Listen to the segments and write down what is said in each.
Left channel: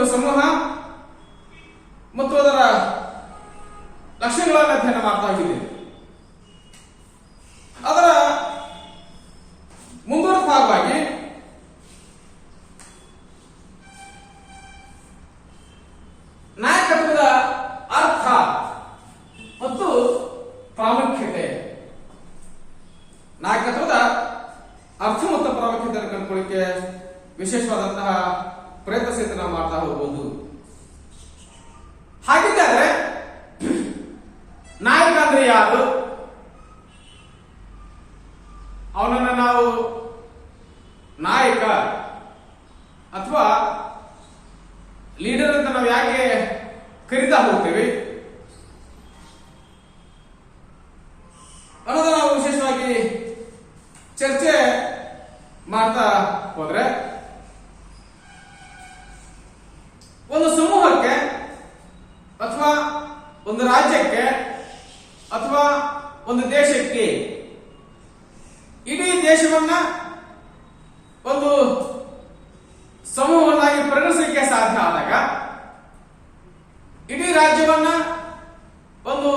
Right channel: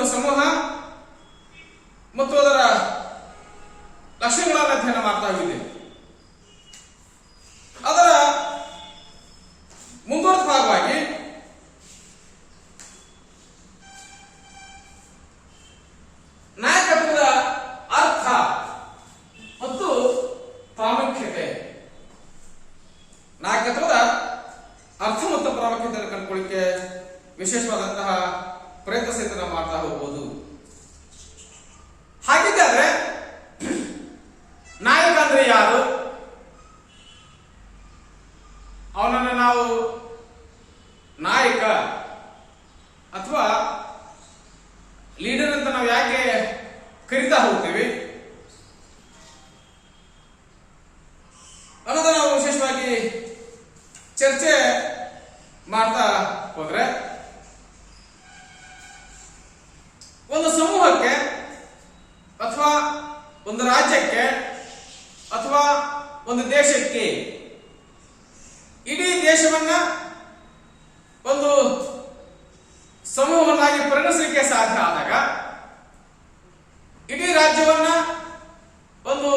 ಒಂದು ಸಮೂಹ ಮತ್ತು ಅದರ ಲಕ್ಷಣಗಳನ್ನು ಅಧ್ಯಯನ ಮಾಡ್ತಾ ಹೋಗಿದ್ದೇವೆ. ಅದರ ಮುಂದುವರೆದ ಭಾಗವಾಗಿ ನಾಯಕತ್ವದ ಅರ್ಥ ಮತ್ತು ಪ್ರಾಮುಖ್ಯತೆ, ನಾಯಕತ್ವದ ಅರ್ಥ ಮತ್ತು ಪ್ರಾಮುಖ್ಯತೆಯನ್ನು ಕಂಡುಕೊಳ್ಳಿಕ್ಕೆ ವಿಶೇಷವಾದಂತಹ ಪ್ರಯತ್ನ ಸಹಿತ ನಾವು ಮಾಡ್ತಾ ಹೋಗಬಹುದು. ಹಾಗಿದ್ದರೆ ನಾಯಕ ಅಂದ್ರೆ ಯಾರು? ಅವನನ್ನು ನಾವು ನಾಯಕ ಅಥವಾ ಲೀಡರ್ ಅಂತ ನಾವು ಯಾಕೆ ಕರಿತಾ ಹೋಗ್ತೀವಿ ಅನ್ನೋದನ್ನ ನಾವು ವಿಶೇಷವಾಗಿ ಚರ್ಚೆ ಮಾಡ್ತಾ ಹೋದ್ರೆ, ಒಂದು ಸಮೂಹಕ್ಕೆ ಅಥವಾ ಒಂದು ರಾಜ್ಯಕ್ಕೆ ಅಥವಾ ಒಂದು ದೇಶಕ್ಕೆ, ಇಡೀ ದೇಶವನ್ನ ಒಂದು ಸಮೂಹವನ್ನಾಗಿ ಪರಿಗಣಿಸಲಿಕ್ಕೆ ಸಾಧ್ಯ ಆದಾಗ, ಇಡೀ ರಾಜ್ಯವನ್ನ ಒಂದು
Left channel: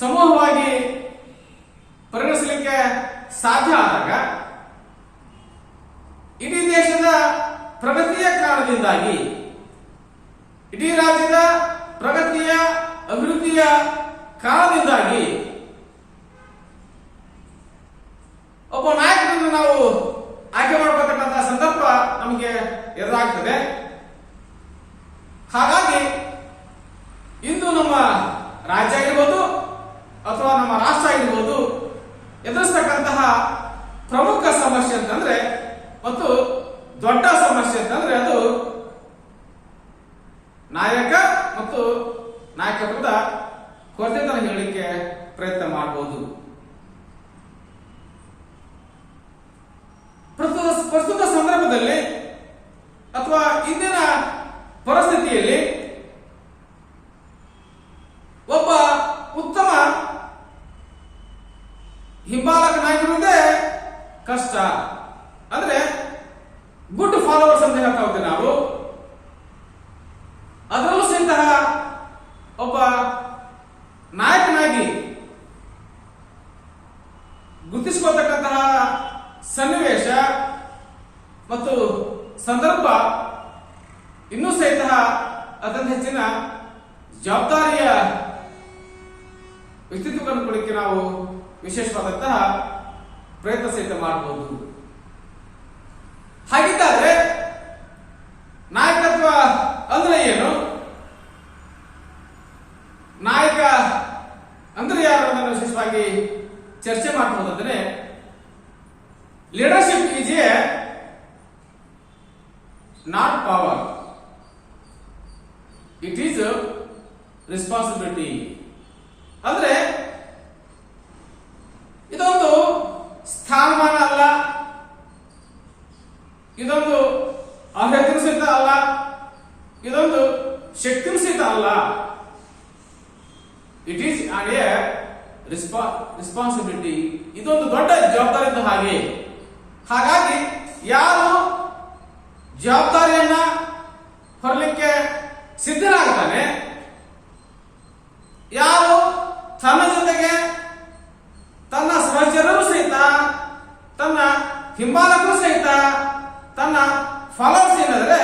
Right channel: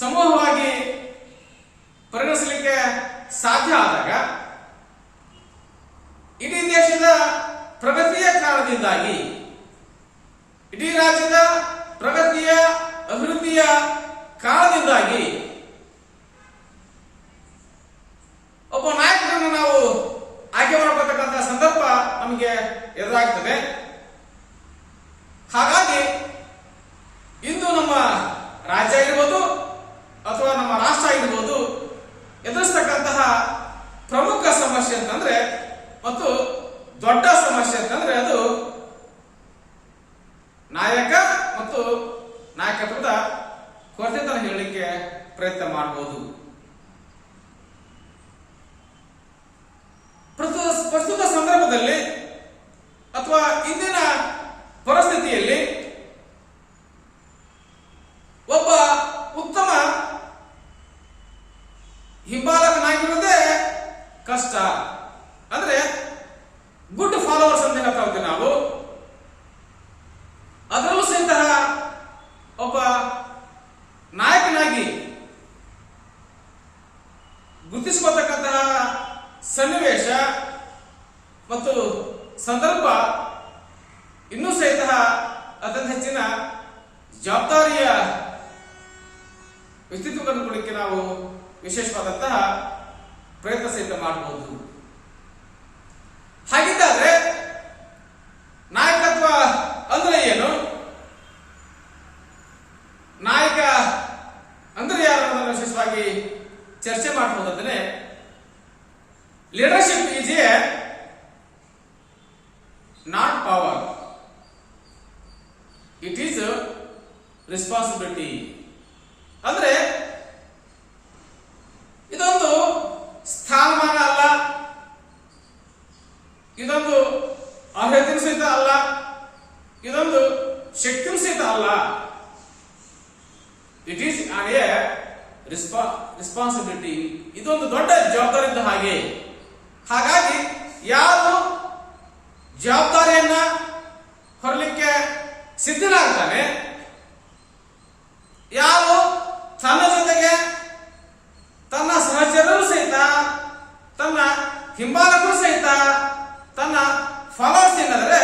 ಸಮೂಹವಾಗಿ ಪರಿಗಣಿಸಲಿಕ್ಕೆ ಸಾಧ್ಯ ಆದಾಗ, ಇಡೀ ದೇಶದ ಪ್ರಗತಿಯ ಕಾರಣದಿಂದಾಗಿ, ಇಡೀ ರಾಜ್ಯದ ಪ್ರಗತಿಯ ಅಭಿವೃದ್ಧಿಯ ಕಾರಣದಿಂದಾಗಿ ಒಬ್ಬ ನಾಯಕರನ್ನು ನಾವು ಆಯ್ಕೆ ಮಾಡತಕ್ಕಂತಹ ಸಂದರ್ಭ ನಮಗೆ ಎದುರಾಗ್ತದೆ. ಹಾಗಾಗಿ ಇಂದು ನಮ್ಮ ರಾಜ್ಯ ಆಗಿರ್ಬೋದು ಅಥವಾ ನಮ್ಮ ರಾಷ್ಟ್ರ ಆಗಿರ್ಬೋದು ಎದುರಿಸ್ತಕ್ಕಂತಹ ಪ್ರಮುಖ ಸಮಸ್ಯೆ ಅಂತಂದ್ರೆ ಮತ್ತು ದೊಡ್ಡ ಸಮಸ್ಯೆ ಅಂತಂದ್ರೆ ಅದು ನಾಯಕ ಮತ್ತು ನಾಯಕತ್ವದ ಕೊರತೆ ಅಂತ ಹೇಳಲಿಕ್ಕೆ ಪ್ರಯತ್ನ ಮಾಡಬಹುದು. ಪ್ರಸ್ತುತ ಸಂದರ್ಭದಲ್ಲಿ ಅಥವಾ ಇಂದಿನ ಪರಿಸ್ಥಿತಿಯಲ್ಲಿ ಒಬ್ಬ ಉತ್ತಮ ಹಿಂಬಾಲಕನಾಗಿರುವುದೇ ಕಷ್ಟ. ಅಂದ್ರೆ ಗುಡ್ ಫಾಲೋವರ್ಸ್ ಅಂತ ಹೇಳ್ತಾ ಹೋಗ್ತೀವಿ ನಾವು. ಅದರಲ್ಲೂ ಸಹಿತ ಒಬ್ಬ ನಾಯಕನಾಗಿ ಗುರುತಿಸಿಕೊಳ್ತಕ್ಕಂತಹ ಸನ್ನಿವೇಶ ಮತ್ತು ಸಂದರ್ಭ ಇನ್ನೂ ಸಹಿತ ಅತ್ಯಂತ ಹೆಚ್ಚಿನ ಜವಾಬ್ದಾರಿಯ ವ್ಯಕ್ತಿತ್ವವನ್ನು ಕೊಡಲಿಕ್ಕೆ ನಾವು ವಿಶೇಷವಾದಂತಹ ಪ್ರಯತ್ನ ಸಹಿತ ಮಾಡಬಹುದು. ಹಾಗಿದ್ದಾದ್ರೆ ನಾಯಕತ್ವ ಅಂದ್ರೆ ಏನು? ನಾಯಕ ಅಂದ್ರೆ ಯಾರು ಅನ್ನೋದನ್ನು ವಿಶೇಷವಾಗಿ ಚರ್ಚೆ ಮಾಡಬಹುದಾದ್ರೆ, leadership is a not power, it is responsibility. ಅಂದ್ರೆ ಇದೊಂದು ಸ್ಥಾನಮಾನ ಅಲ್ಲ, ಇದೊಂದು ಅರ್ಹತೆ ಸಹಿತ ಅಲ್ಲ, ಇದೊಂದು ಶಕ್ತಿ ಸಹಿತ ಅಲ್ಲ. It is A responsibility. ಇದೊಂದು ದೊಡ್ಡ ಜವಾಬ್ದಾರಿ ಇದ್ದ ಹಾಗೆ. ಹಾಗಾಗಿ ಯಾರು ಜವಾಬ್ದಾರಿಯನ್ನ ಹೊರಲಿಕ್ಕೆ ಸಿದ್ಧನಾಗ್ತಾನೆ, ಯಾರು ತನ್ನ ಜೊತೆಗೆ ತನ್ನ ಸಹಚರರು ಸಹಿತ, ತನ್ನ ಹಿಂಬಾಲಕರು ಸಹಿತ, ತನ್ನ ಫಾಲೋವರ್ಸ್ ಏನಾದರೆ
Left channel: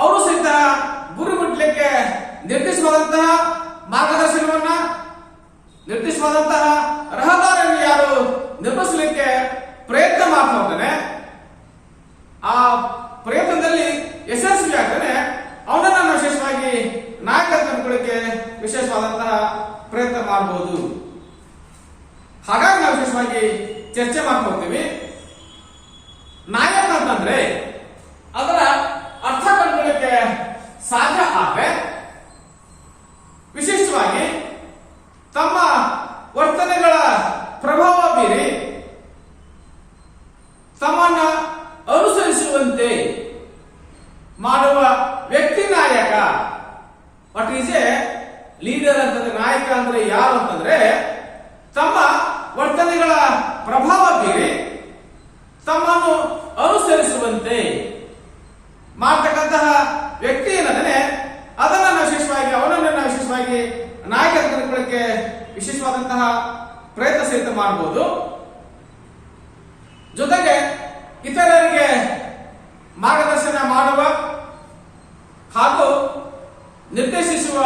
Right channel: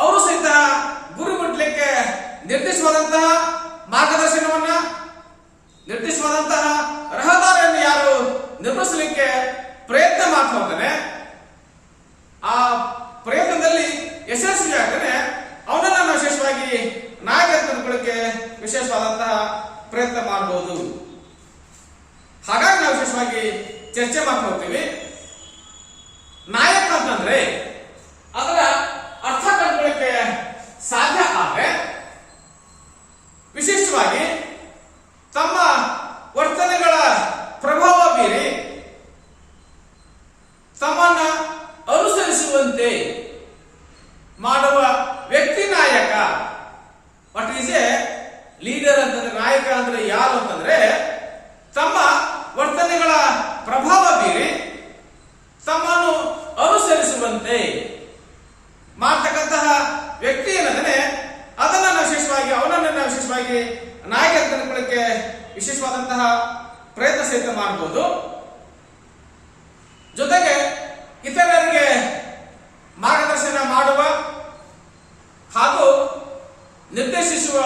ಅವರು ಸಹಿತ ಗುರಿ ಮುಟ್ಟಲಿಕ್ಕೆ ನಿರ್ದಿಷ್ಟವಾದಂತಹ ಮಾರ್ಗದರ್ಶನವನ್ನ, ನಿರ್ದಿಷ್ಟವಾದಂತಹ ರಹದಾರಿಯನ್ನು ಯಾರು ನಿರ್ಮಿಸಲಿಕ್ಕೆ ಪ್ರಯತ್ನ ಮಾಡ್ತಾ ಹೋಗ್ತಾನೆ, ಆ ಪ್ರಯತ್ನದಲ್ಲಿ ಯಶಸ್ವಿ ಆಗ್ತಾನೆ, ಅವನನ್ನ ವಿಶೇಷವಾಗಿ ನಾಯಕತ್ವ ಕಂಡುಕೊಳ್ಳಿಕ್ಕೆ ವಿಶೇಷವಾದಂತಹ ಪ್ರಯತ್ನ ಮಾಡಬಹುದು. ಹಾಗಾಗಿ ನಾವು ವಿಶೇಷವಾಗಿ ಚರ್ಚೆ ಮಾಡ್ಕೊಳ್ತೀವಿ. ನಾಯಕ ಅಂತಂದ್ರೆ ಅದರ ಅರ್ಥ ಕಂಡುಕೊಳ್ಳಿಕ್ಕೆ ಸಾಧ್ಯ ಆದ್ರೆ ವಿಶೇಷವಾಗಿ ತಮ್ಮ ವರ್ತನೆಗಳ ಪ್ರಭಾವ ಬೀರಿ ತಮ್ಮನ್ನ ಅನುಸರಿಸುವಂತೆ ಮಾಡುವ ವ್ಯಕ್ತಿ ನಾಯಕ. ವಾಟ್ ಈಸ್ ಎ ಲೀಡರ್ ಅಂತಂದ್ರೆ, ನಾಯಕ ಅಂದ್ರೆ ಯಾರು ಅಂತಂದ್ರೆ ತಮ್ಮ ವರ್ತನೆಗಳ ಪ್ರಭಾವ ಬೀರಿ ತಮ್ಮನ್ನು ಅನುಸರಿಸುವಂತೆ ಮಾಡತಕ್ಕಂತಹ ವ್ಯಕ್ತಿ ಏನಂದ್ರೆ ವಿಶೇಷವಾಗಿ ನಾಯಕತ್ವ ಕಂಡುಕೊಳ್ಳಕ್ಕೆ ವಿಶೇಷವಾದಂತಹ ಪ್ರಯತ್ನ ಸಹಿತ ಮಾಡಬಹುದು. ಜೊತೆಗೆ ಇತರರಿಗೆ ಮಾರ್ಗದರ್ಶನ ಮಾಡುವ ಹಾಗೂ ನಿರ್ದೇಶಿಸುವ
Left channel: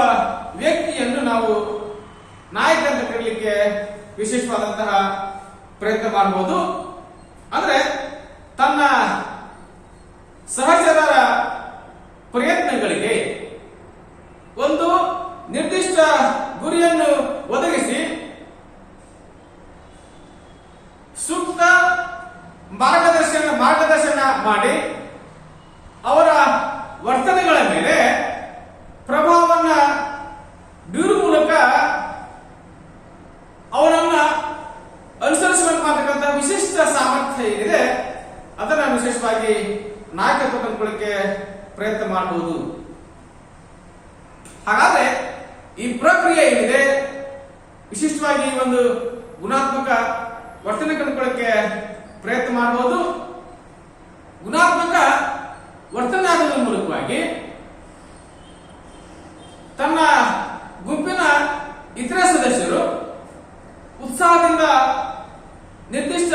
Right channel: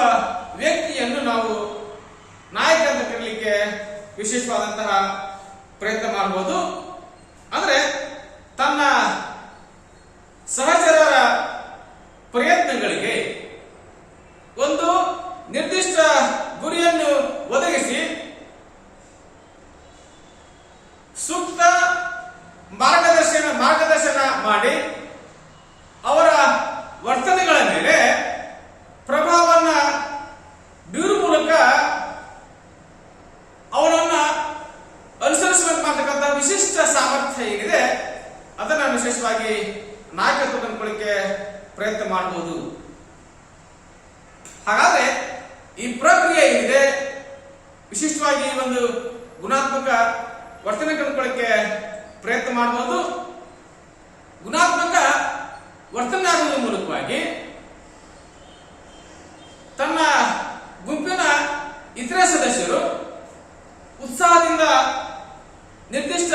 ವ್ಯಕ್ತಿಯನ್ನು ನಾವು ನಾಯಕ ಅಂತ ಕರೀಲಿಕ್ಕೆ ವಿಶೇಷವಾದಂತಹ ಪ್ರಯತ್ನ ಮಾಡಬಹುದು. ಅಂದ್ರೆ ತನ್ನ ಸಹಚರರ ಪ್ರಯತ್ನಗಳಿಗೆ ಒಂದು ನಿರ್ದಿಷ್ಟ ಗುರಿಯನ್ನು ಒದಗಿಸಿ ಸೂಕ್ತ ಮಾರ್ಗದರ್ಶನ ಮಾಡಿ ಅವರ ವರ್ತನೆಗಳ ಮೇಲೆ ಪ್ರಭಾವವನ್ನ ಬೀರುವ ಮೂಲಕ ಅವರನ್ನ ಅನುಸರಿಸಬೇಕಾದಂತಹ ವಿಶಿಷ್ಟ ಸಾಮರ್ಥ್ಯ ಏನಿದೆ ಅದನ್ನು ವಿಶೇಷವಾಗಿ ನಾಯಕತ್ವ ಕಂಡುಕೊಳ್ಳಕ್ಕೆ ಪ್ರಯತ್ನ ಮಾಡಬಹುದು. ಹಾಗಾದ್ರೆ ಈ ಪ್ರಕ್ರಿಯೆ ಏನಿದೆ ವಿಶಿಷ್ಟವಾಗಿ ಒಂದು ಗುಣಾತ್ಮಕ ವರ್ತನೆ ಕಂಡುಕೊಳ್ಳಕ್ಕೆ ಪ್ರಯತ್ನ ಮಾಡಬಹುದು. ಗುಣಾತ್ಮಕ ವರ್ತನೆ ಆಗುವ ಮೂಲಕವಾಗಿ ತನ್ನ ಗುಂಪಿನ ಇತರ ಸದಸ್ಯರು ಉತ್ಸಾಹದಿಂದ ನಿರ್ದಿಷ್ಟ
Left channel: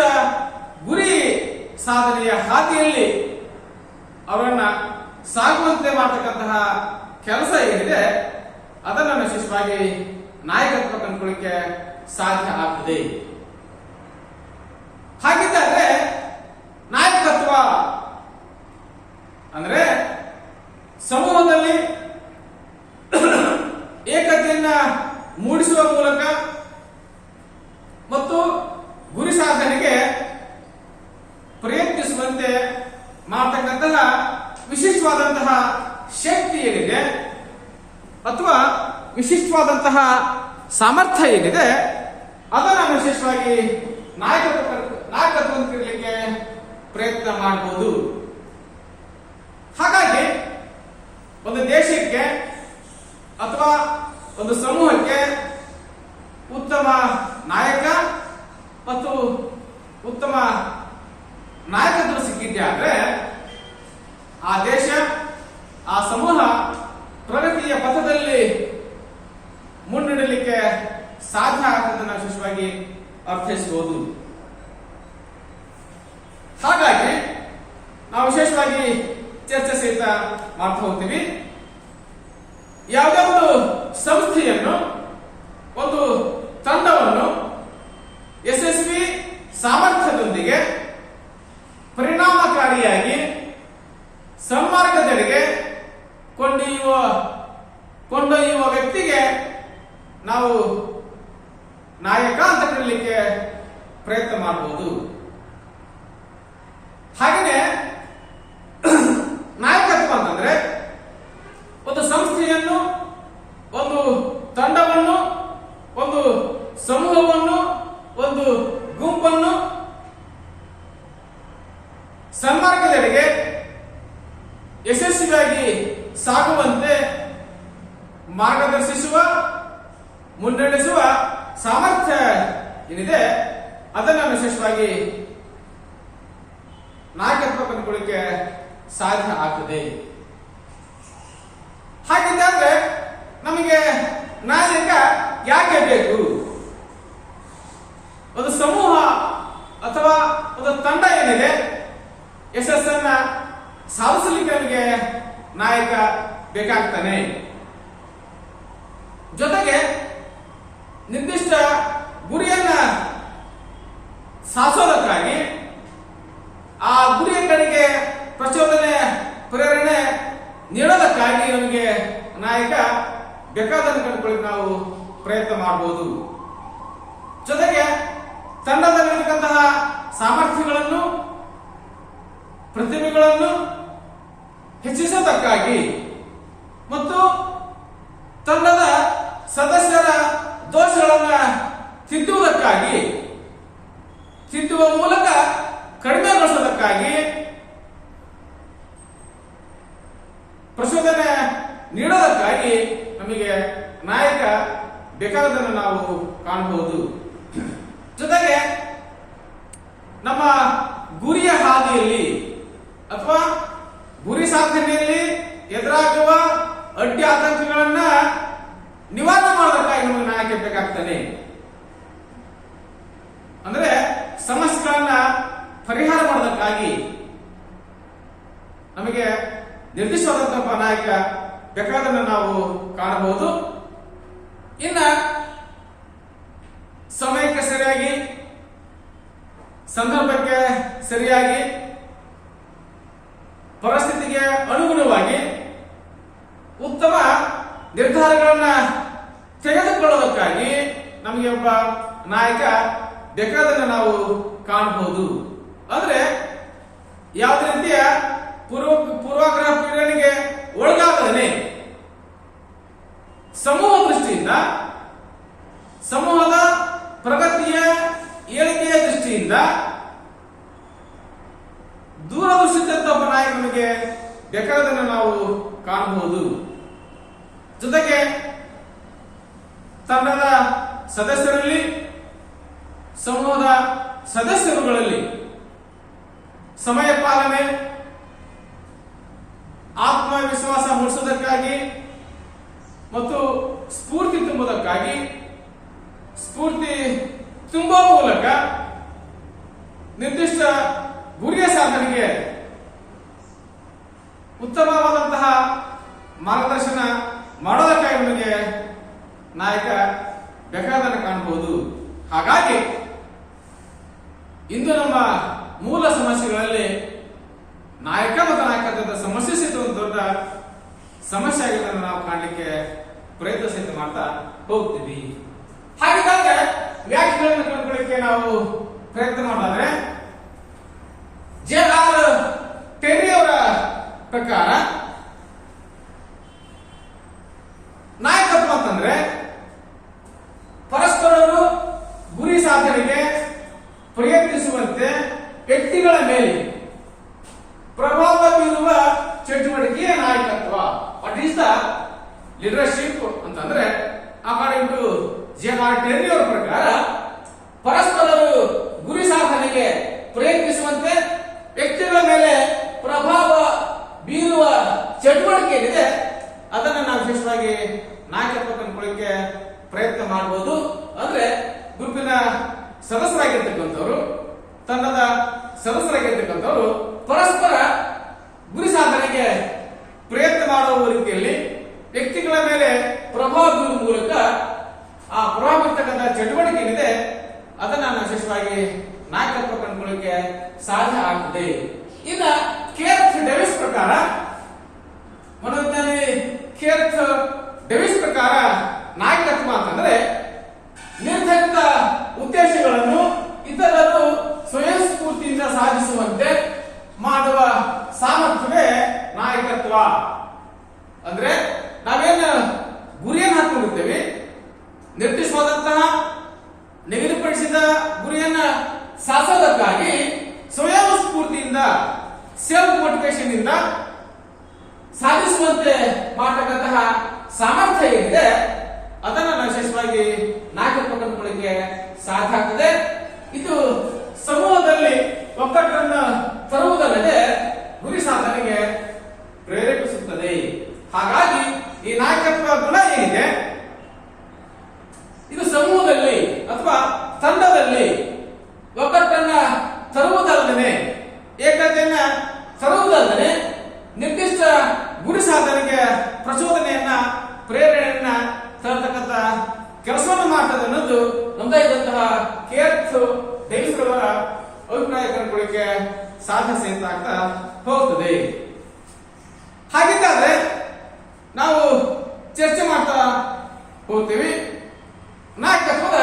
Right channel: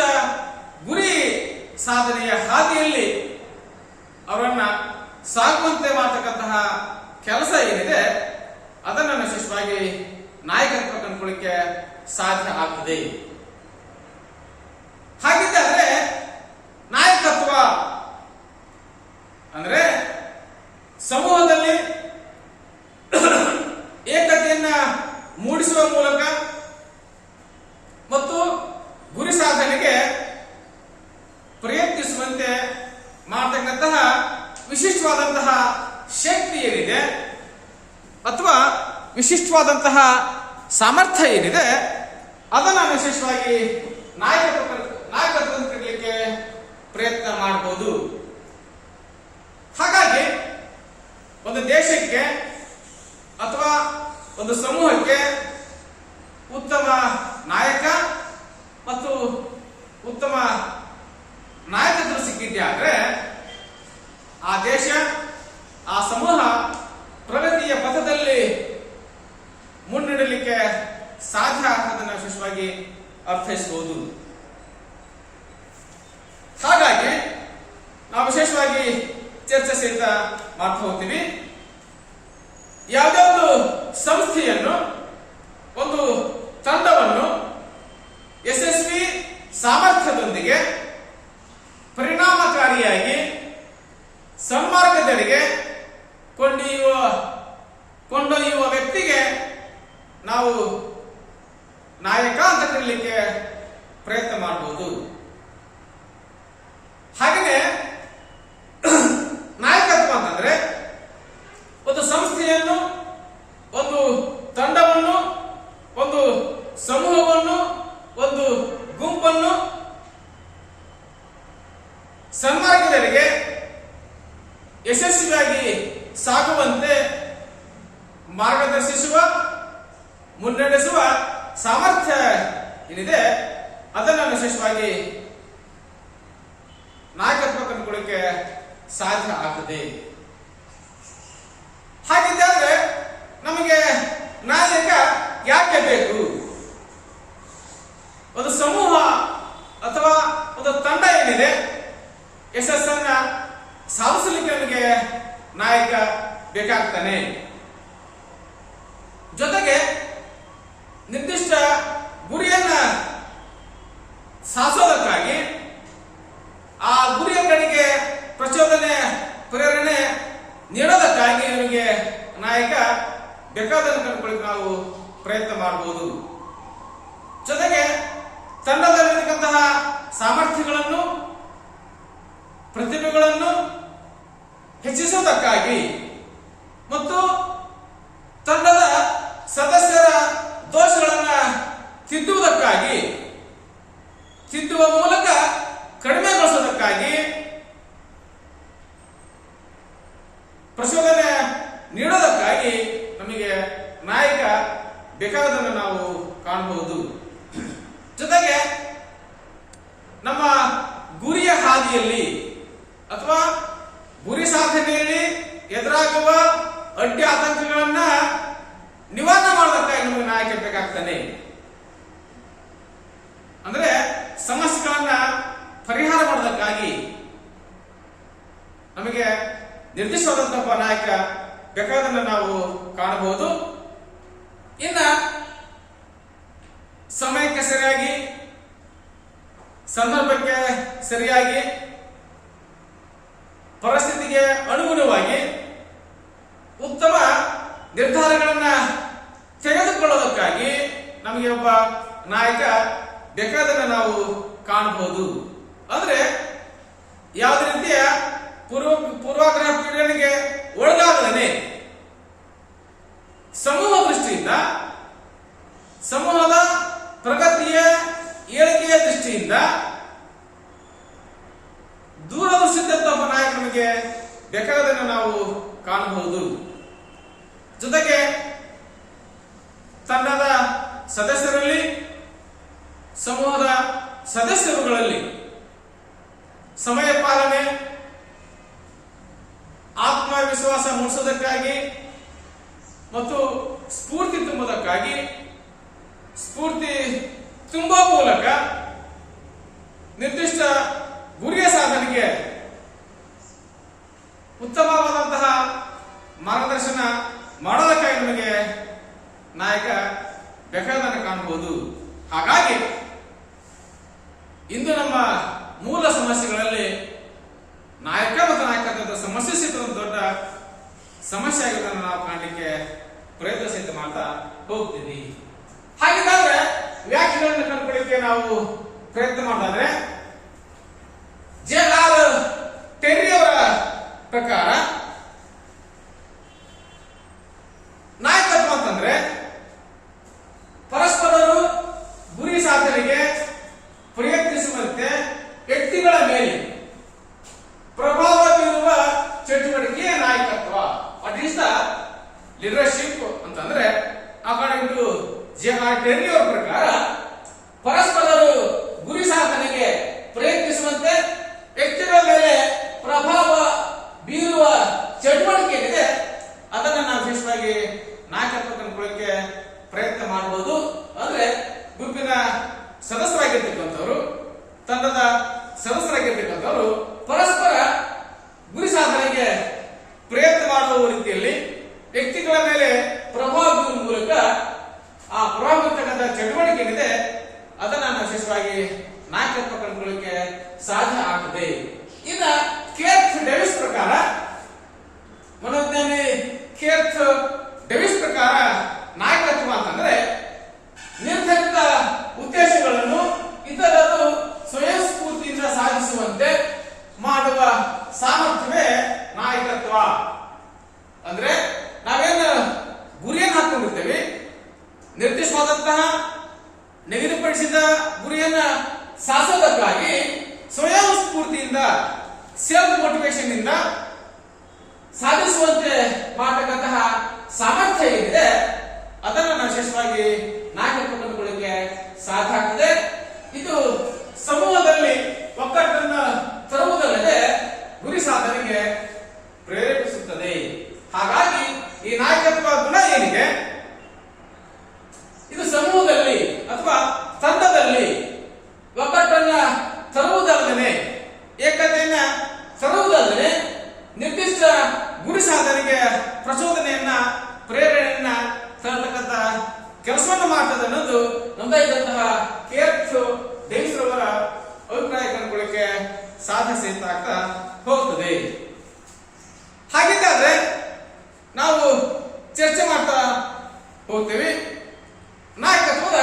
ಗುರಿ ಸಾಧನೆಯ ಹಾದಿಯಲ್ಲಿ ಅವರನ್ನ ಸಾಗುವಂತೆ ಮಾಡತಕ್ಕಂತಹ ಕೆಲಸ ಏನಿದೆ ಅದನ್ನು ವಿಶೇಷವಾಗಿ ನಾಯಕತ್ವ ಕಂಡುಕೊಳ್ಳಿಕ್ಕೆ ಸಾಧ್ಯ ಆಗ್ತದೆ. ಹಾಗಿದ್ದರೆ ನಾಯಕತ್ವ ಅಂದ್ರೆ ಸಮೂಹದಲ್ಲಿ ಏಕತೆಯನ್ನ ಮೂಡಿಸುವ ಮೂಲಕ ಮತ್ತು ಗುರಿ ಸಾಧನೆಗೆ ಪ್ರಯತ್ನಿಸುವಂತೆ ಮಾಡತಕ್ಕಂತಹ ವಿಶಿಷ್ಟವಾದಂತಹ ಶಕ್ತಿ ಏನಿದೆ ಅಥವಾ ವಿಶಿಷ್ಟವಾದಂತಹ ಸಾಮರ್ಥ್ಯ ಏನಿದೆ ಅದನ್ನು ವಿಶೇಷವಾಗಿ ನಾಯಕತ್ವ ಕರೀಲಿಕ್ಕೆ ಪ್ರಯತ್ನ ಮಾಡಬಹುದು. ಹಾಗಾಗಿ ಒಂದು ದೇಶಕ್ಕೆ ಅಥವಾ ಒಂದು ಸಮೂಹಕ್ಕೆ ಉತ್ತಮ ನಾಯಕ ಮತ್ತು ಉತ್ತಮ ನಾಯಕತ್ವ ಸಿಕ್ಕಿದ್ದೆ ಆದ್ರೆ ಆ ದೇಶ ಆ ಸಮೂಹ ಪ್ರಗತಿಯ ಪಥದಲ್ಲಿ ಮುನ್ನಡೆಯಲಿಕ್ಕೆ ಸಾಧ್ಯ ಆಗ್ತದನ್ನು ವಿಶೇಷವಾಗಿ ಅರ್ಥೈಸಬಹುದು. ಹಾಗಾಗಿ ನಾವು ವಿಶೇಷವಾಗಿ ಚರ್ಚೆ ಸಹಿತ ಮಾಡ್ತಾ ಹೋಗ್ತೀವಿ. ಯಾವುದೇ ಒಂದು ಸಂಸ್ಥೆಯನ್ನು ಒಂದು ತಂಡವನ್ನು ಯಶಸ್ವಿ ಸಾಮರ್ಥ್ಯದೊಂದಿಗೆ ಪರಿಣಾಮಕಾರಿಯಾಗಿ ಸನ್ಮಾರ್ಗದೆಡೆಗೆ ಕೊಂಡೊಯ್ಯುವ ವ್ಯಕ್ತಿಗೆ ನಾವು ನಾಯಕ ಅಂತ ಕರೀಲಿಕ್ಕೆ ಪ್ರಯತ್ನ ಮಾಡಬಹುದು. ಹಾಗೆಯೇ ನಾಯಕತ್ವ ಅಂತಂದ್ರೆ ಒಂದು ಸಂಸ್ಥೆಯನ್ನು, ಒಂದು ತಂಡವನ್ನು, ಒಂದು ಸಮೂಹವನ್ನು, ಒಂದು ಗುಂಪನ್ನು ಸನ್ಮಾರ್ಗದೆಡೆಗೆ ಯಶಸ್ವಿಯಾಗಿ ಸಾಗುವಂತೆ ಮಾರ್ಗದರ್ಶಿಸುವ, ಮುನ್ನಡೆಸುವ ಸಾಮರ್ಥ್ಯ ಏನಿದೆ ಅದನ್ನು ವಿಶೇಷವಾಗಿ ನಾಯಕತ್ವ ಕಂಡುಕೊಳ್ಳಿಕ್ಕೆ ಸಾಧ್ಯ ಆಗ್ತದೆ. ಹಾಗಿದ್ದರೆ ನಮಗೆ ನಾಯಕ ಯಾಕೆ ಬೇಕು? ಒಂದು ಸಮೂಹ ಅಥವಾ ಒಂದು ತಂಡ ಏನಿದೆ ಯಶಸ್ಸನ್ನ ಸಾಧಿಸಲಿಕ್ಕೆ ನಮಗೆ ನಾಯಕ ಬೇಕಾಗ್ತಾನೆ. ಜೊತೆಗೆ ನಿರ್ದಿಷ್ಟ ಗುರಿಯನ್ನ ಸಾಧಿಸೋದಕ್ಕಾಗಿ ಆ ಗುರಿಯ ಕಡೆಗೆ ಪ್ರಚೋದನೆ, ಪ್ರೇರಣೆ ನೀಡೋದಕ್ಕಾಗಿ ನಮಗೆ ನಾಯಕ ಬೇಕಾದನ್ನು ಕಂಡುಕೊಳ್ಳಿಕ್ಕೆ ನಾವು ಪ್ರಯತ್ನ ಮಾಡಬಹುದು. ಜೊತೆಗೆ ತಂಡದಲ್ಲಿರತಕ್ಕಂತಹ ಸಾಮರ್ಥ್ಯಗಳನ್ನು, ಪ್ರತಿಭೆಗಳನ್ನು ಹೆಚ್ಚಿಸೋದಕ್ಕಾಗಿ ಮತ್ತು ತಂಡದ ಸದಸ್ಯರ ದೋಷಗಳನ್ನ ತಿದ್ದುವ ಮೂಲಕ ಕಡಿಮೆಗೊಳಿಸೋದಕ್ಕಾಗಿ ಪ್ರಚೋದನೆ ನೀಡೋದಕ್ಕಾಗಿ ನಮಗೆ ನಾಯಕ ಬೇಕಾದನ್ನು ನಾವು ಕಾಣಬಹುದು. ಜೊತೆಗೆ ನಮ್ಮ ಗುರಿಯ ಹಾದಿಯಲ್ಲಿ ಅಥವಾ ಗುರಿ ಸಾಧನೆಯಲ್ಲಿ ಎದುರಾಗುವ ಅಡ್ಡಿ ಆತಂಕಗಳನ್ನ ನಿವಾರಣೆ ಮಾಡೋದಕ್ಕಾಗಿ ನಮಗೆ ನಾಯಕ ಬೇಕಾಗ್ತಾನೆ. ಅಂದ್ರೆ ಸಮಸ್ಯೆಗಳನ್ನ ಪರಿಹಾರ ಮಾಡೋದಕ್ಕಾಗಿ ನಮಗೆ ನಿರ್ದಿಷ್ಟವಾದಂತಹ ಒಬ್ಬ ನಾಯಕ ಬೇಕಾದನ್ನ ನಾವು ಕಾಣಬಹುದು. ಇನ್ನ ಸಮಯಕ್ಕೆ ಸರಿಯಾಗಿ, ಸಂದರ್ಭಕ್ಕೆ ಸರಿಯಾಗಿ, ಪರಿಸ್ಥಿತಿಗೆ ಅನುಗುಣವಾಗಿ ಉತ್ತಮ ನಿರ್ಧಾರಗಳನ್ನ ತೆಗೆದುಕೊಳ್ಳೋದಕ್ಕಾಗಿ ನಮಗೆ ಒಬ್ಬ ನಾಯಕ ಬೇಕಾದನ್ನ ನಾವು ಕಾಣಬಹುದು. ಅಂದ್ರೆ ಯಾವುದೇ ರೀತಿಯ ಪೂರ್ವಾಗ್ರಹ ಪೀಡನೆಗೆ ಒಳಗಾಗದೇ ಸಮೂಹ ದೃಷ್ಟಿಯಿಂದ, ಸಮೂಹದ ಪ್ರಗತಿಯ ಏಳಿಗೆಯ ದೃಷ್ಟಿಯಿಂದ ದೂರದೃಷ್ಟಿದ್ದಂತ ಒಬ್ಬ ನಾಯಕ ನಮಗೆ ಬೇಕಾದನ್ನು ನಾವು ಕಾಣಬಹುದು. ಜೊತೆಗೆ ತಂಡದ ಸದಸ್ಯರಲ್ಲಿ, ಸಮೂಹದ ಸದಸ್ಯರುಗಳಲ್ಲಿ ಸಮಯ ಪಾಲನೆ, ಆತ್ಮವಿಶ್ವಾಸ ಮೂಡಿಸುವುದಕ್ಕಾಗಿ ಮತ್ತು ಸ್ಫೂರ್ತಿ ತುಂಬುವುದಕ್ಕಾಗಿ, ಸ್ಫೂರ್ತಿ ತುಂಬುವ ಮೂಲಕ ನಿರ್ದಿಷ್ಟ ಗುರಿಯ ಸಾಧನೆಗೆ ಉತ್ತಮವಾದಂತಹ ಮಾರ್ಗದರ್ಶನ ಮಾಡೋದಕ್ಕಾಗಿ ನಮಗೆ ನಾಯಕ ಬೇಕಾದನ್ನು ಕಾಣಬಹುದು. ಹಾಗಾಗಿ ಇಂದು ನಮ್ಮ ಮೂಲ ಸಮಸ್ಯೆಗಳಲ್ಲಿ ನಾಯಕ ಮತ್ತು ನಾಯಕತ್ವದ ಸಮಸ್ಯೆ ಸಹಿತ ಒಂದು ದೊಡ್ಡ ಸಮಸ್ಯೆ ಆಗಿರೋದನ್ನು ನಾವು ಕಾಣಲಿಕ್ಕೆ ಪ್ರಯತ್ನ ಸಹಿತ ಮಾಡ್ತಾ ಹೋಗ್ತೀವಿ. ಹಾಗಿದ್ದಾಗ ವ್ಯಾಖ್ಯೆಗಳನ್ನು ಕಂಡುಕೊಳ್ಳಿಕ್ಕೆ ನಾವು ಪ್ರಯತ್ನ ಮಾಡಿದ್ರೆ ಜೆ.ಆರ್. ಟೆರ್ರಿ ಅವರ ಪ್ರಕಾರ ನಾಯಕತ್ವ ಅಂತಂದ್ರೆ ಪರಸ್ಪರರು ಗುರಿ ಸಾಧನೆಗೆ ಪ್ರಯತ್ನಿಸುವಂತೆ ವ್ಯಕ್ತಿಗಳ ಮೇಲೆ ಪ್ರಭಾವ ಬೀರುವ ಚಟುವಟಿಕೆ ನಾಯಕತ್ವ. ವಾಟ್ ಈಸ್ ದ ಲೀಡರ್ಶಿಪ್ ಅಂತಂದ್ರೆ ಅಕಾರ್ಡಿಂಗ್ ಟು ಜೆ.ಆರ್. ಟೆರ್ರಿ ಅವರ ಪ್ರಕಾರ ಪರಸ್ಪರರು ಗುರಿ ಸಾಧನೆಗೆ ಪ್ರಯತ್ನಿಸುವಂತೆ ವ್ಯಕ್ತಿಗಳ ಮೇಲೆ ಪ್ರಭಾವ ಬೀರುವ ಚಟುವಟಿಕೆ ಏನಿದೆ ಅದನ್ನ ನಾವು ವಿಶೇಷವಾಗಿ ನಾಯಕತ್ವ ಕಂಡುಕೊಳ್ಳಕ್ಕೆ ಪ್ರಯತ್ನ ಮಾಡಬಹುದು. ಅಂದ್ರೆ ಗುಂಪಿನ ಸದಸ್ಯರಾಗಿರ್ತಕ್ಕಂಥವ್ರು, ತಂಡದ ಸದಸ್ಯರಾಗಿರ್ತಕ್ಕಂಥವ್ರು ಪರಸ್ಪರ ಗುರಿ ಸಾಧನೆಗೆ ಪ್ರಯತ್ನ ಮಾಡುವ ರೀತಿಯಲ್ಲಿ ವ್ಯಕ್ತಿಗಳ ಮೇಲೆ ಪ್ರಭಾವ ಬೀರುವ ಮೂಲಕ ಆ ಪ್ರಭಾವ ಬೀರ್ತಕ್ಕಂಥ ಚಟುವಟಿಕೆ ಏನಿದೆ ಅದನ್ನ ನಾವು ವಿಶೇಷವಾಗಿ ನಾಯಕತ್ವ ಕಂಡುಕೊಳ್ಳಿಕ್ಕೆ ಸಾಧ್ಯ ಆಗ್ತದೆ. ಇನ್ನ ಕೇರ್ತ್ ಡೇವಿಸ್ ಪ್ರಕಾರ, ಮನೋವಿಜ್ಞಾನಿ ಕೇರ್ತ್ ಡೇವಿಸ್ ಪ್ರಕಾರ ನಾಯಕತ್ವ ಅಂತಂದ್ರೆ ನಿರ್ಧರಿತ ಉದ್ದೇಶಗಳನ್ನು ಇತರರು ಸ್ವಯಂ ಸ್ಫೂರ್ತಿಯಿಂದ ಸಾಧಿಸುವಂತೆ ಮಾಡುವ ಸಾಮರ್ಥ್ಯವೇ ನಾಯಕತ್ವ. ಅಂದ್ರೆ ನಾವೇನು ಗುರಿಯನ್ನು ಹಾಕೊಂಡಿರ್ತೇವೆ, ನಿರ್ದಿಷ್ಟವಾದಂತಹ ನಿಗದಿಪಡಿಸಿದ ಗುರಿಯನ್ನ ಸಾಧಿಸೋದಕ್ಕಾಗಿ ಸ್ವಯಂ ಸ್ಫೂರ್ತಿಯಿಂದ, ಸೆಲ್ಫ್ ಮೋಟಿವೇಶನ್ ಇಂದ ಸಾಧಿಸುವಂತೆ ಮಾಡತಕ್ಕಂತಹ ಸಾಮರ್ಥ್ಯ ಏನಿದೆ ಅದನ್ನ ನಾವು ವಿಶೇಷವಾಗಿ ನಾಯಕತ್ವ ಕಂಡುಕೊಳ್ಳಿಕ್ಕೆ ಸಾಧ್ಯ ಆಗ್ತದೆ. ಇದು ಸಮೂಹದಲ್ಲಿ ಒಗ್ಗಟ್ಟನ್ನು ತರುವುದಲ್ಲದೆ ಗುರಿ ಸಾಧನೆಗೆ ಪ್ರೇರೇಪಿಸುತ್ತದೆ. ಹಾಗಾಗಿ ಈ ನಾಯಕತ್ವ ಗುಣ ಏನಿದೆ ಇದು ಸಮೂಹದಲ್ಲಿ ಅಥವಾ ತಂಡದಲ್ಲಿ ಒಗ್ಗಟ್ಟನ್ನ ತರುವುದಲ್ಲದೆ, ಏಕತೆಯನ್ನ ತರುವುದಲ್ಲದೆ ನಿರ್ದಿಷ್ಟ ಗುರಿ ಸಾಧನೆಗೆ ಪ್ರಚೋದನೆಯನ್ನ, ಪ್ರೇರಣೆಯನ್ನ ತರತಕ್ಕಂಥ ಕೆಲಸವನ್ನು ಮಾಡ್ತದೆ ಅನ್ನೋದು ನೊಂದಾಯಿದಂತಹ ಕೇರ್ತ್ ಡೇವಿಸ್ ರವರ ಅಭಿಪ್ರಾಯ ಕಂಡುಕೊಳ್ಳಿಕ್ಕೆ ಸಾಧ್ಯ ಸಹಿತ ಆಗ್ತಾ ಹೋಗ್ತದೆ. ಹಾಗಿದ್ದಾದ್ರೆ ನಾವು ಚರ್ಚೆ ಮಾಡ್ತಾ ಹೋಗ್ತೀವಿ ನಾಯಕತ್ವದ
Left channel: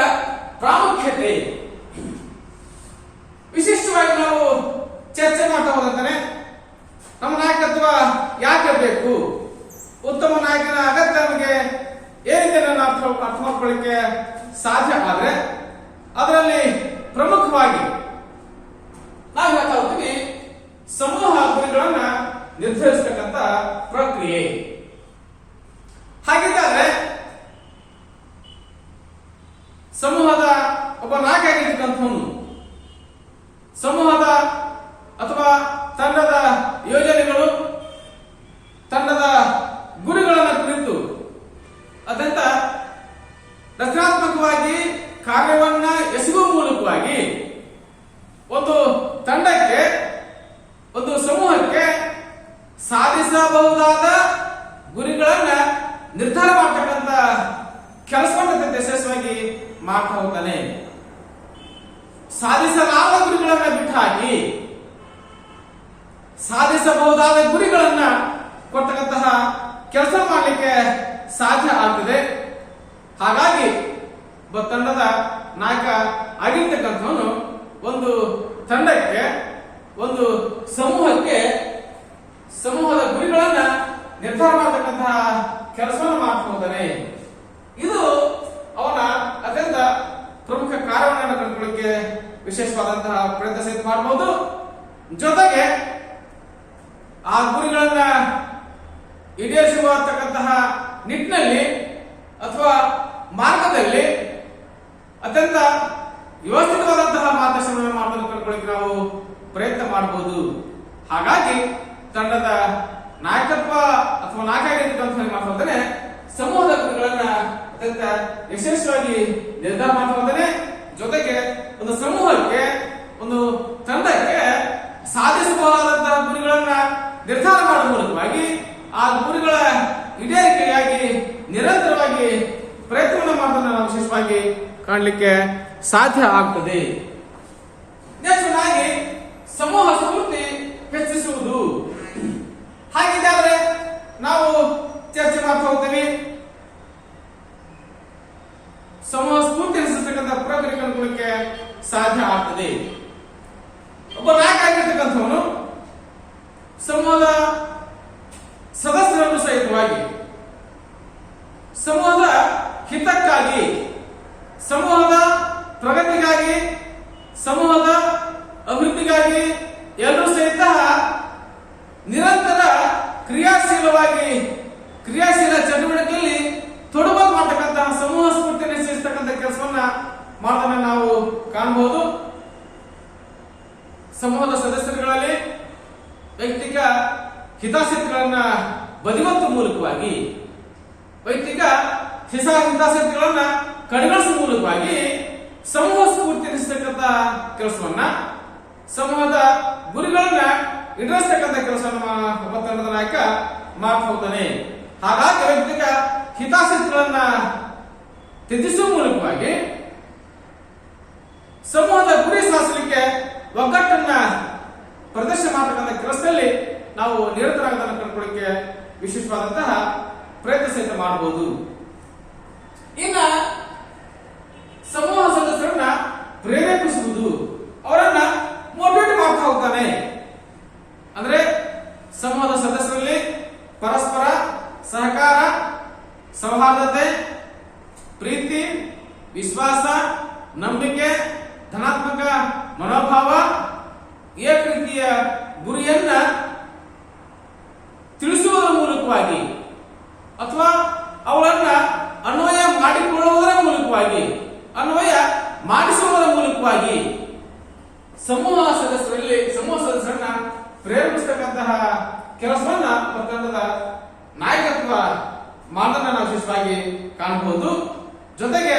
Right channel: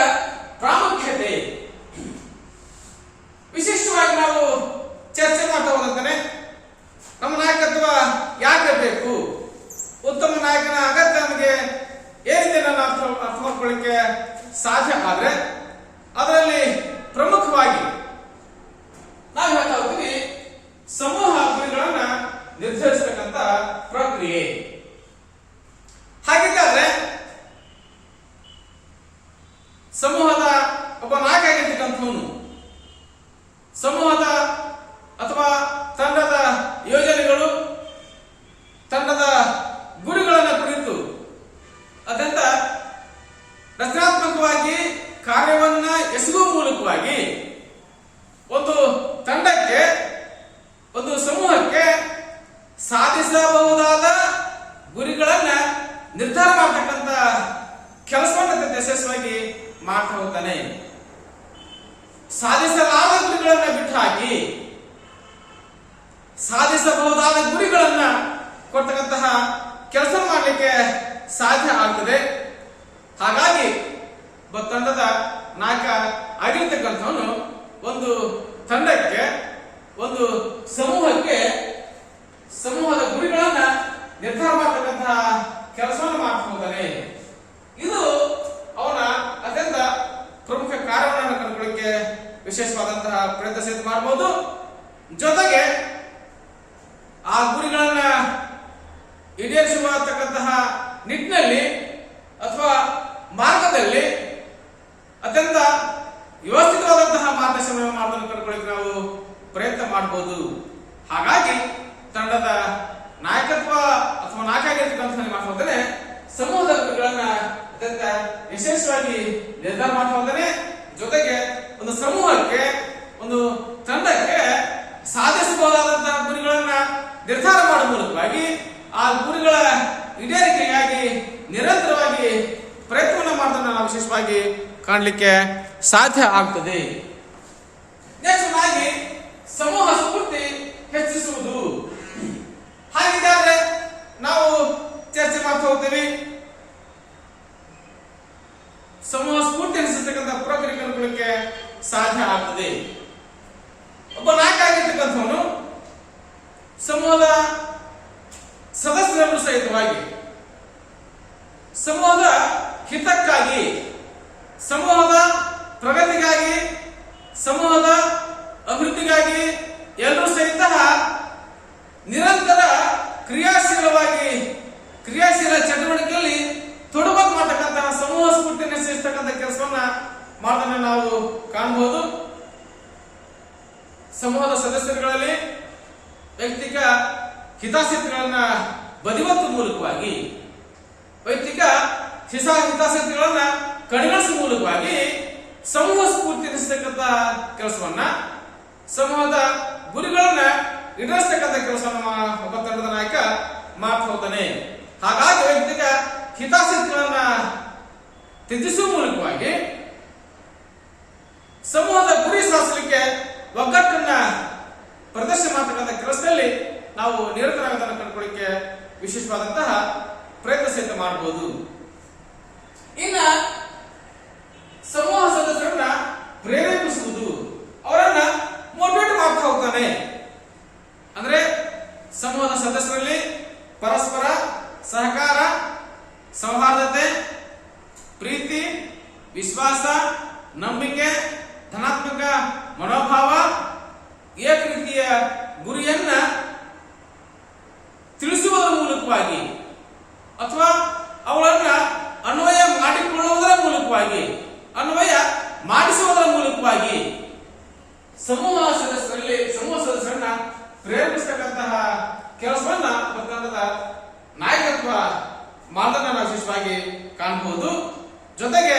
ಪ್ರಾಮುಖ್ಯತೆ. ವಿಶಿಷ್ಟವಾಗಿ ನಾವು ಚರ್ಚೆ ಮಾಡ್ತಾ ಹೋದಂತಾನೆ ನಮ್ಮ ನಾಯಕತ್ವ ಯಾಕೆ ಬೇಕು, ಉತ್ತಮ ನಾಯಕನ ಅಗತ್ಯ ನಮಗೆ ಏನಿದೆ ನಾವು ಅರ್ಥ ಮಾಡ್ಕೊಳ್ಳಿಕ್ಕೆ ಸಾಧ್ಯ ಆದ್ರೆ ಅದರಲ್ಲಿ ಪ್ರಮುಖವಾಗಿ ನಾವು ಹೇಳ್ತಾ ಹೋಗ್ತೀವಿ ಸಮೂಹ ಗುರಿಗಳನ್ನ ನಿರ್ಧರಿಸತಕ್ಕಂತ ಪ್ರಕ್ರಿಯೆ. ಹಾಗಿದ್ದಾದ್ರೆ ಸಮೂಹದ ಒಬ್ಬ ನಾಯಕ ಆಗಿರ್ತಕ್ಕಂಥವನು ಸಮೂಹದ ಅಥವಾ ತಂಡದ ಯೋಜನೆಗಳು, ತಂಡದ ಗುರಿಗಳನ್ನು ಕುರಿತು ಅತ್ಯಂತ ಸಾಧಿಸಬಹುದಾದ ಗುರಿಗಳನ್ನ ನಿರ್ಧಾರ ಮಾಡತಕ್ಕಂತ ಕೆಲಸವನ್ನು ಯಶಸ್ವಿಯಾಗಿ ಮಾಡ್ತಾ ಹೋಗ್ತಾನೆ. ಸಾಧಿಸಲಾದ ಗುರಿಗಳನ್ನ ಬಿಟ್ಟು ಹಾಕಿ ಸಾಧಿಸಬಹುದಾದ ಗುರಿಗಳನ್ನ ಕೊಡ್ತಕ್ಕಂತಹ ಕೆಲಸ ಮಾಡಲಿಕ್ಕೆ ಸಾಧ್ಯ ಆಗ್ತದೆ. ಹಾಗಾಗಿ ತಂಡದ ನಾಯಕ ಆಗಿರ್ತಕ್ಕಂಥವನು ಒಂದು ತಂಡಕ್ಕೆ, ಒಂದು ಸಮೂಹಕ್ಕೆ ಸಮೂಹದ ಗುರಿಗಳನ್ನ ನಿರ್ಧಾರ ಮಾಡತಕ್ಕಂತಹ ಕೆಲಸವನ್ನು ಮಾಡ್ತಾ ಹೋಗ್ತಾನೆ. ಇದು ಅವನ ಅತ್ಯಂತ ಪ್ರಮುಖ ಕಾರ್ಯವನ್ನು ಕಂಡುಕೊಳ್ಳಿಕ್ಕೆ ವಿಶೇಷವಾದಂತಹ ಪ್ರಯತ್ನ ಸಹಿತ ಮಾಡಬಹುದು. ಜೊತೆಗೆ ಆ ಗುರಿಗಳನ್ನ ಈಡೇರಿಸುವಂತಹ ನಿಟ್ಟಿನಲ್ಲಿ ಅಥವಾ ಮಾರ್ಗದಲ್ಲಿ ಅತ್ಯಂತ ವ್ಯವಸ್ಥಿತವಾದಂತಹ ಮಾರ್ಗದರ್ಶನವನ್ನು ಮಾಡೋದನ್ನು ಕಂಡುಕೊಳ್ಳಿಕ್ಕೆ ನಾವು ಪ್ರಯತ್ನ ಮಾಡಬಹುದು. ಹಾಗಾಗಿ ತಂಡದ ನಾಯಕತ್ವ ಅಥವಾ ನಾಯಕ ಮಾಡ್ತಾ ಸಮೂಹದ ಗುರಿಗಳನ್ನ ಅತ್ಯಂತ ಯಶಸ್ವಿಯಾಗಿ ನಿರ್ಧಾರ ಮಾಡ್ತಾ ಹೋಗ್ತಾನೆ. ಜೊತೆಗೆ ಒಂದು ಸಮೂಹಕ್ಕೆ, ಒಂದು ತಂಡಕ್ಕೆ ಸಾಧಿಸಬಹುದಾದಂತಹ ಗುರಿಗಳನ್ನ ನಿರ್ಧಾರ ಮಾಡುವ ಮೂಲಕವಾಗಿ ಆ ಗುರಿಗಳ ಈಡೇರಿಕೆಗಾಗಿ ನಿರಂತರವಾಗಿ ಪ್ರಯತ್ನ ಮಾಡೋದನ್ನು ನಾವು ವಿಶೇಷವಾಗಿ ಕಾಣಲಿಕ್ಕೆ ಸಾಧ್ಯ ಆಗ್ತದೆ. ನೆಕ್ಸ್ಟ್ ಆಗಿ ಸಮೂಹ ಸ್ಫೂರ್ತಿ ಹೆಚ್ಚಿಸುವುದು. ಹಾಗಿದ್ದಾದ್ರೆ ನಾವು ಚರ್ಚೆ ಮಾಡ್ತಾ ಹೋಗ್ತೀವಿ. ಸಮೂಹ ಸ್ಫೂರ್ತಿ ಹೆಚ್ಚಿಸತಕ್ಕಂಥ ಪ್ರಕ್ರಿಯೆ ಕಂಡುಕೊಳ್ಳಿಕ್ಕೆ ಸಾಧ್ಯ ಆಗ್ತದೆ. ಒಬ್ಬ ನಾಯಕ ಆಗಿರ್ತಕ್ಕಂಥವನು ಸಮೂಹದ ಸದಸ್ಯರನ್ನು ಸಹಿತವಾಗಿ ಸಮೂಹದ ಹಿತಕ್ಕಾಗಿ, ಸಮೂಹದ ಪ್ರಗತಿಗಾಗಿ, ಸಮೂಹದ ಅಭಿವೃದ್ಧಿಗಾಗಿ ಎಲ್ಲರೂ ಸಹಿತ ನಿರಂತರ ಕ್ರಿಯಾಶೀಲ ಚಟುವಟಿಕೆಯಲ್ಲಿ ತೊಡಗು ಮಾಡತಕ್ಕಂತಹ ಸಮೂಹ ಸ್ಫೂರ್ತಿಯನ್ನು ಹೆಚ್ಚಿಸತಕ್ಕಂಥ ಕೆಲಸವನ್ನ ಮಾಡೋದನ್ನ ನಾವು ಕಾಣಬಹುದು. ಸಮೂಹದ ಸದಸ್ಯರುಗಳಲ್ಲಿ ವೈಯಕ್ತಿಕ ಹಿತಾಸಕ್ತಿಗಳನ್ನ ಬದಿಗೊತ್ತುವ ಮೂಲಕವಾಗಿ, ವೈಯಕ್ತಿಕ ಹಿತಾಸಕ್ತಿಗಳನ್ನ ಕಡಿಮೆಗೊಳಿಸುವ ಮೂಲಕವಾಗಿ ಸಮೂಹ ಸ್ಫೂರ್ತಿ ಹೆಚ್ಚಿಸತಕ್ಕಂಥ ಕೆಲಸವನ್ನ, ಸಮೂಹದ ಗುರಿಗಳನ್ನ ಈಡೇರಿಸತಕ್ಕಂಥ ಕೆಲಸವನ್ನ ಒಬ್ಬ ತಂಡದ ನಾಯಕ ಮಾಡ್ತಾ ಹೋಗ್ತಾನೆ. ಹಾಗಾಗಿ ವೈಯಕ್ತಿಕ ಹಿತಾಸಕ್ತಿಗಳನ್ನ ತ್ಯಜಿಸುವ ಮೂಲಕವಾಗಿ ಸಮೂಹದ ಗುರಿ ಸಾಧಿಸಲಿಕ್ಕೆ ಒಗ್ಗಟ್ಟನ್ನ ಪ್ರದರ್ಶನ ಮಾಡತಕ್ಕಂಥ ಕೆಲಸದಲ್ಲಿ ನಾವು ನಿರತರಾಗೋದನ್ನು ಕಂಡುಕೊಳ್ಳಿಕ್ಕೆ ವಿಶೇಷವಾದಂತಹ ಪ್ರಯತ್ನ ಸಹಿತ ಮಾಡಬಹುದು. ಇನ್ನ ಸಮೂಹ ಸದಸ್ಯರನ್ನ ಪ್ರೇರೇಪಿಸುವುದು, ಅವರನ್ನ ಮೋಟಿವೇಟ್ ಮಾಡ್ತಾ ಹೋಗ್ತಾನೆ. ಅಂದ್ರೆ ಸಮೂಹದ ಸದಸ್ಯರಲ್ಲಿ ಪರಸ್ಪರ ಸಹಕಾರ, ಸೌಹಾರ್ದತೆ, ಪ್ರೀತಿ, ವಿಶ್ವಾಸ, ನಂಬಿಕೆ, ಧನಾತ್ಮಕ ಮನೋಭಾವ, ಏಕ ರೀತಿಯ ಗುರಿಯನ್ನ ತಿಳಿಸುವುದರ ಮೂಲಕವಾಗಿ ಅಥವಾ ಅವಳನ್ನ ಅನ್ವಯ ಮಾಡಿಕೊಳ್ಳುವುದರ ಮೂಲಕವಾಗಿ, ಅನ್ವಯ ಮಾಡಿಸುವುದರ ಮೂಲಕವಾಗಿ ಸಮೂಹ ಸದಸ್ಯರನ್ನ ಪ್ರೇರೇಪಿಸತಕ್ಕಂತಹ ಕೆಲಸವನ್ನ ತಂಡದ ನಾಯಕತ್ವ ಮಾಡೋದನ್ನ ನಾವು ವಿಶೇಷವಾಗಿ ಕಾಣಬಹುದು. ಜೊತೆಗೆ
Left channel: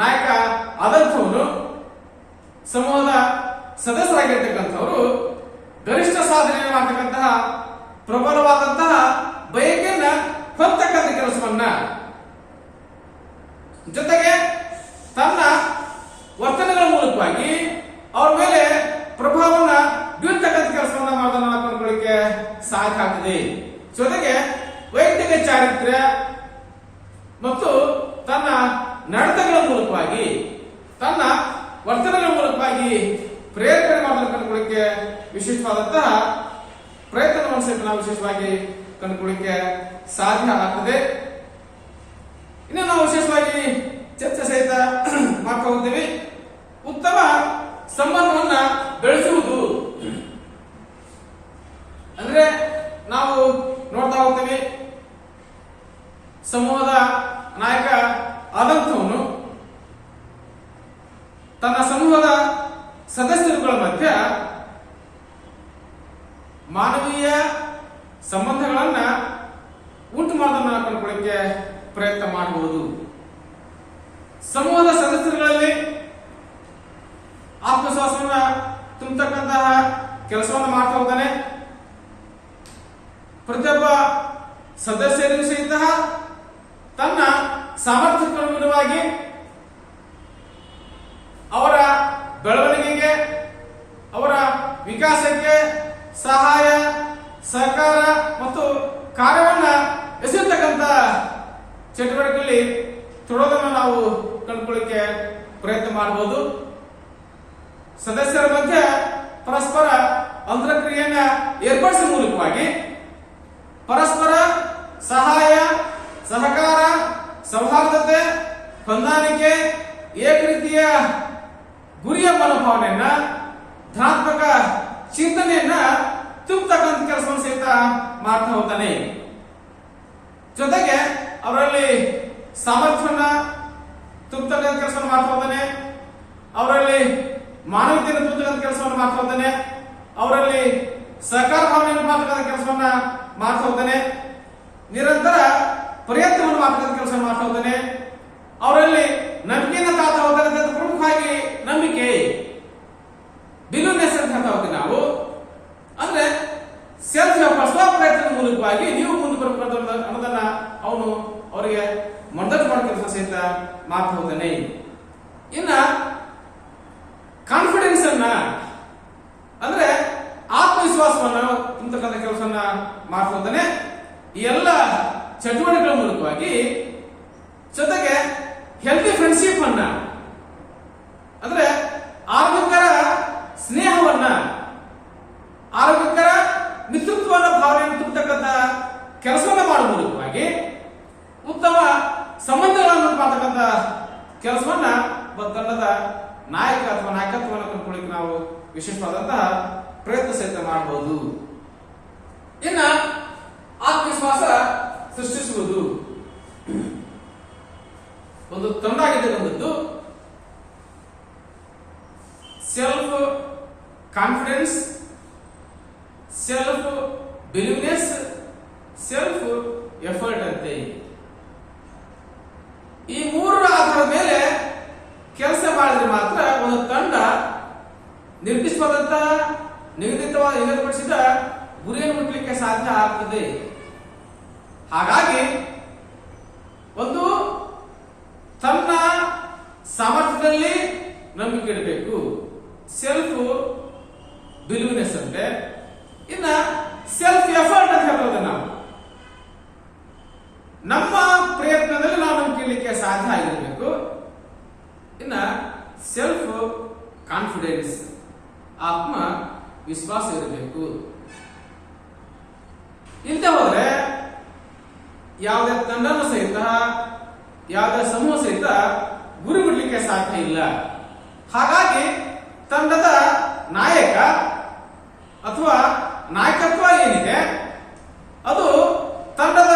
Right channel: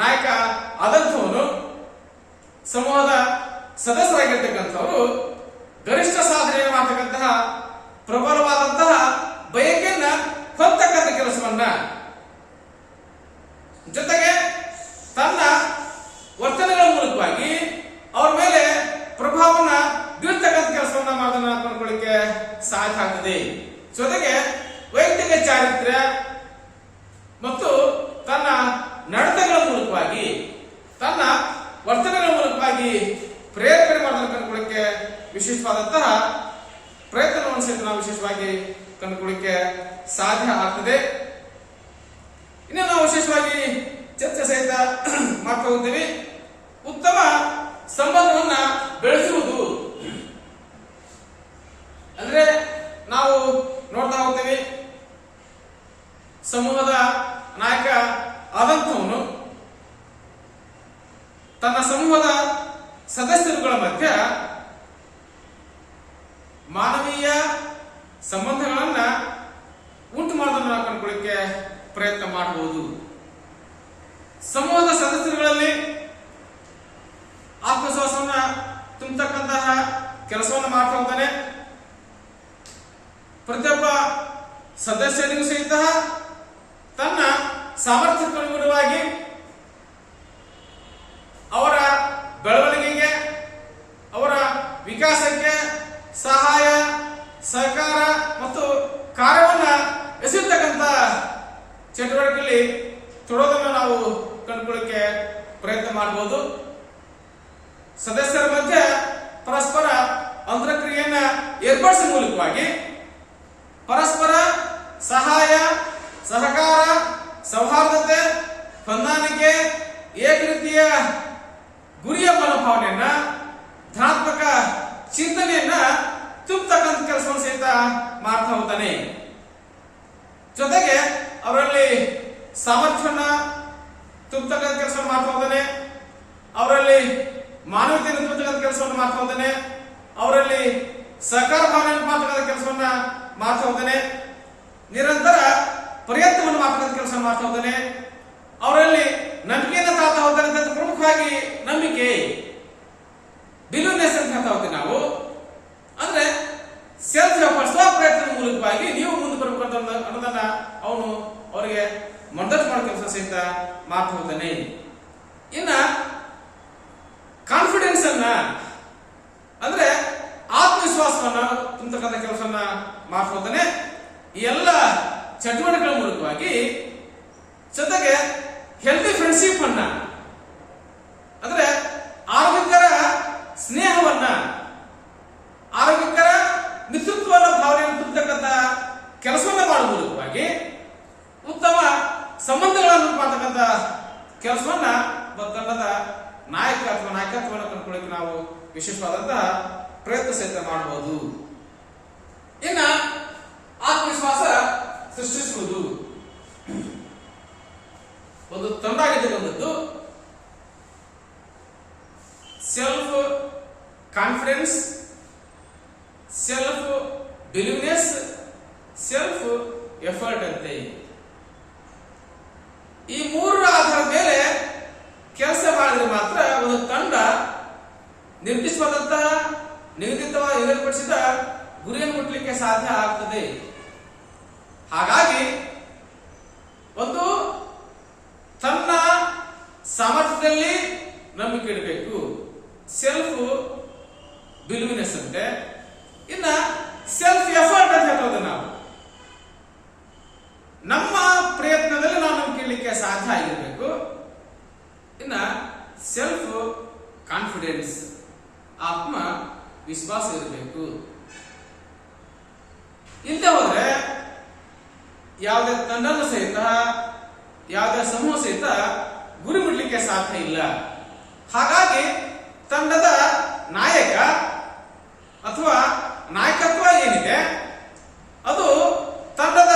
ನಾಯಕ ಆದಂಥವನು ಸಮೂಹದ ಸದಸ್ಯರಾಗಿರ್ತಕ್ಕಂಥವರು ಗರಿಷ್ಠ ಸಾಧನೆ ಮಾಡತಕ್ಕಂತಹ ಪ್ರಬಲವಾದಂತಹ ಬಯಕೆಯನ್ನ ಹೊತ್ತಕ್ಕಂಥ ಕೆಲಸವನ್ನ, ಜೊತೆಗೆ ತನ್ನ ವರ್ತನೆಗಳ ಮೂಲಕವಾಗಿ ಅವ್ರ ಮೇಲೆ ಪ್ರಭಾವವನ್ನ ಬೀಳ್ತಕ್ಕಂಥ ಕೆಲಸವನ್ನ ಮಾಡೋದನ್ನ ಕಂಡುಕೊಳ್ಳಿಕ್ಕೆ ಸಾಧ್ಯ ಆಗ್ತದೆ. ಜೊತೆಗೆ ವೈಯಕ್ತಿಕ ಚಾರಿತ್ರ್ಯ ಮತ್ತು ತನ್ನ ನಡತೆಗಳ ಮೂಲಕವಾಗಿ, ತನ್ನ ವರ್ತನೆಗಳ ಮೂಲಕವಾಗಿ ಪ್ರೇರಣೆ ಮಾಡೋದನ್ನು ಕಂಡುಕೊಳ್ಳಿಕ್ಕೆ ವಿಶೇಷವಾದಂತಹ ಪ್ರಯತ್ನವನ್ನು ಸಹಿತ ನಾವು ವಿಶೇಷವಾಗಿ ಕಂಡುಕೊಳ್ಳಿಕ್ಕೆ ಸಾಧ್ಯ ಆಗ್ತದೆ. ಇನ್ನು ನಾವು ವಿಶೇಷವಾಗಿ ಚರ್ಚೆ ಸಹಿತ ಮಾಡ್ತಾ ಹೋಗ್ತೀವಿ. ಉತ್ತಮ ಸಂಬಂಧವನ್ನ ಬೆಳೆಸುವುದು ಅಂದ್ರೆ ನಾವು ನೋಡ್ತಾ ಹೋಗ್ತೀವಿ, ಸಮೂಹದ ನಾಯಕ ಆದಂಥವನು ತನ್ನ ಸಮೂಹದ ಸದಸ್ಯರುಗಳ ಮಧ್ಯ ಮಾನವೀಯ ಸಂಬಂಧಗಳನ್ನ ಉಂಟು ಮಾಡೋದನ್ನ ಕಂಡುಕೊಳ್ಳಿಕ್ಕೆ ಪ್ರಯತ್ನ ಮಾಡಬಹುದು. ಸಮೂಹದ ಸದಸ್ಯರುಗಳಲ್ಲಿ ಆತ್ಮವಿಶ್ವಾಸವನ್ನ ತುಂಬತಕ್ಕಂತಹ ಕೆಲಸವನ್ನು ಮಾಡ್ತಾ ಹೋಗ್ತಾನೆ. ಪ್ರತಿಯೊಬ್ಬ ಸದಸ್ಯರಿಗೂ ಸಹಿತ ತನ್ನ ಸಾಮರ್ಥ್ಯಕ್ಕನುಗುಣವಾಗಿ ಅವರ ಬೆಳವಣಿಗೆಗೆ, ಅವರ ವಿಕಾಸಕ್ಕೆ ಸಹಾಯ, ಸಹಕಾರ ಮತ್ತು ಕಾರ್ಯವನ್ನು ಎಸೆಯತಕ್ಕಂಥ ಚಟುವಟಿಕೆಯಲ್ಲಿ ತೊಡೋದನ್ನು ನಾವು ಕಂಡುಕೊಳ್ಳಕ್ಕೆ ಪ್ರಯತ್ನ ಮಾಡಬಹುದು. ಸದಸ್ಯರ ಮಧ್ಯೆ ಪರಸ್ಪರ ಅಂತರಕ್ರಿಯೆಯನ್ನ ಏರ್ಪಡಿಸುವ ಮೂಲಕವಾಗಿ ಪರಸ್ಪರ ಸಹಾಯ, ಸಹಕಾರ, ಸೌಹಾರ್ದತೆ, ಹೊಂದಾಣಿಕೆ, ಏಕರೀತಿಯ ಗುರಿಯ ಮನೋಭಾವನೆಯನ್ನ, ಧನಾತ್ಮಕ ಚಿಂತನೆಯನ್ನ ತುಂಬತಕ್ಕಂಥ ಕೆಲಸವನ್ನು ಸಹಿತ ಮಾಡ್ತಾ ಹೋಗ್ತಾನೆ. ಜೊತೆಗೆ ಅವರಲ್ಲಿ ಸಾಮರ್ಥ್ಯವನ್ನ ತುಂಬತಕ್ಕಂಥ ಕೆಲಸವನ್ನು ಮಾಡ್ತಾ ಹೋಗ್ತಾನೆ. ಅವರಲ್ಲಿ ಮಾನವೀಯತೆಯನ್ನು ತುಂಬತಕ್ಕಂಥ ಕೆಲಸವನ್ನು ಮಾಡ್ತಾ ಹೋಗ್ತಾನೆ. ಅವರಲ್ಲಿ ಸಹಕಾರ ಭಾವನೆಯನ್ನು ಮಾಡ್ತಕ್ಕಂಥ ಕೆಲಸವನ್ನ ಮಾಡ್ತಾ ಹೋಗ್ತಾನೆ. ನಿರಂತರ ಪ್ರಯತ್ನವನ್ನು ಮಾಡ್ತಕ್ಕಂಥ ಕೆಲಸವನ್ನು ಮಾಡ್ತಾ ಹೋಗ್ತಾನೆ. ಅವರಲ್ಲಿ ನಂಬಿಕೆಯನ್ನು ತಾಳ್ತಾ ಹೋಗ್ತಾನೆ. ಪ್ರಮುಖವಾಗಿ ನಂಬಿಕೆ, ಬಿಲೀವ್ನೆಸ್ ಅಂತ ಹೇಳ್ತಾ ಹೋಗ್ತೀವಿ ನಾವು. ಅಂದ್ರೆ ಸೆಲ್ಫ್ ಎಫರ್ಟ್, ಸ್ವ ಪ್ರಯತ್ನದ ಮೂಲಕವಾಗಿ ನೀವು ಮುಂದೆ ಬರಬೇಕು ಅನ್ನೋದನ್ನ ಅವನು ಅವರಿಗೆ ಮಂಡನೆ ಮಾಡೋ ಕೆಲಸ ಸಹಿತ ಮಾಡ್ತಾ ಹೋಗ್ತಾನೆ. ಇನ್ನ ಕಾನ್ಫಿಡೆನ್ಸ್ ಅನ್ನ ಅಂದ್ರೆ ಆತ್ಮವಿಶ್ವಾಸವನ್ನ ತುಂಬತಕ್ಕಂಥ ಕೆಲಸವನ್ನ ಮಾಡ್ತಾ ಹೋಗ್ತಾನೆ. ಈ ಎಲ್ಲ ಚಟುವಟಿಕೆಗಳ ಮೂಲಕವಾಗಿ ಜೊತೆಗೆ ಹೆಲ್ತಿ ಫ್ರೆಂಡ್ಶಿಪ್ ಅನ್ನ ಅಂದ್ರೆ ಆರೋಗ್ಯಕರ ಸ್ನೇಹವನ್ನ, ಆರೋಗ್ಯಕರ ಮಿತ್ರತ್ವದ ಭಾವನೆಯನ್ನು ತುಂಬತಕ್ಕಂಥ ಕೆಲಸವನ್ನ ಮಾಡುವ ಮೂಲಕವಾಗಿ ಉತ್ತಮ ಸಂಬಂಧಗಳನ್ನು ಮಾಡ್ತಕ್ಕಂಥ ಕೆಲಸವನ್ನ ತಂಡದ ನಾಯಕ ಅಥವಾ ನಾಯಕತ್ವವನ್ನು ಕಂಡುಕೊಳ್ಳಿಕ್ಕೆ ನಾವು ವಿಶೇಷವಾದಂತಹ ಪ್ರಯತ್ನ ಸಹಿತ ಮಾಡಬಹುದು. ಇನ್ನ ಆತ್ಮವಿಶ್ವಾಸ ಸೃಷ್ಟಿಸುವುದು ಒಂದು ತಂಡಾಗಿದ್ದು self confidence, self believeness, self effort ಅಂತೆ. ಈ ಮೂರರ ಆಧಾರದ ಮೇಲೆ ಕೆಲಸ ಮಾಡಿದ್ರೆ ಮಾತ್ರ ಒಂದು ತಂಡ ನಿರ್ದಿಷ್ಟವಾದಂತಹ ನಿಗದಿಪಡಿಸಿದ ಗುರಿಯನ್ನು ಮುಟ್ಟಲಿಕ್ಕೆ ಸಾಧ್ಯ ಆಗ್ತದೆ. ಹಾಗಾಗಿ ಒಂದು ತನ್ನ ಸಾಮರ್ಥ್ಯದಲ್ಲಿ ನಂಬಿಕೆ ಇಡಬೇಕು, ಸೆಲ್ಫ್ ಬಿಲೀವ್ನೆಸ್ ಅಂತೆ. ಇನ್ನ ಸೆಲ್ಫ್ ಎಫರ್ಟ್ ಅಂತ ಹೇಳ್ಬೋದು. ನಾವು ನಮ್ಮ ಪ್ರಯತ್ನದಲ್ಲಿ ನಾವು ನಂಬಿಕೆ ಇಡಲಿಕ್ಕೆ ಸಾಧ್ಯ ಆಗಿರಬೇಕು. ಇನ್ನ ಸೆಲ್ಫ್ ಕಾನ್ಫಿಡೆನ್ಸ್, ಆತ್ಮ ವಿಶ್ವಾಸ ಇರಬೇಕು. ಇಲ್ಲದೆ ಹೋದ್ರೆ ಯಾವುದೇ ತಂಡನೂ ಸಹಿತ, ಯಾವುದೇ ಸಮೂಹ ಸಹಿತ ಗುರಿ ಮುಟ್ಲಿಕ್ಕೆ ಸಾಧ್ಯ ಇಲ್ಲ. ಹಾಗಾಗಿ ತಂಡದ ನಾಯಕ ಅಥವಾ ನಾಯಕತ್ವ ಏನಿದೆ ಅದು ತಂಡದ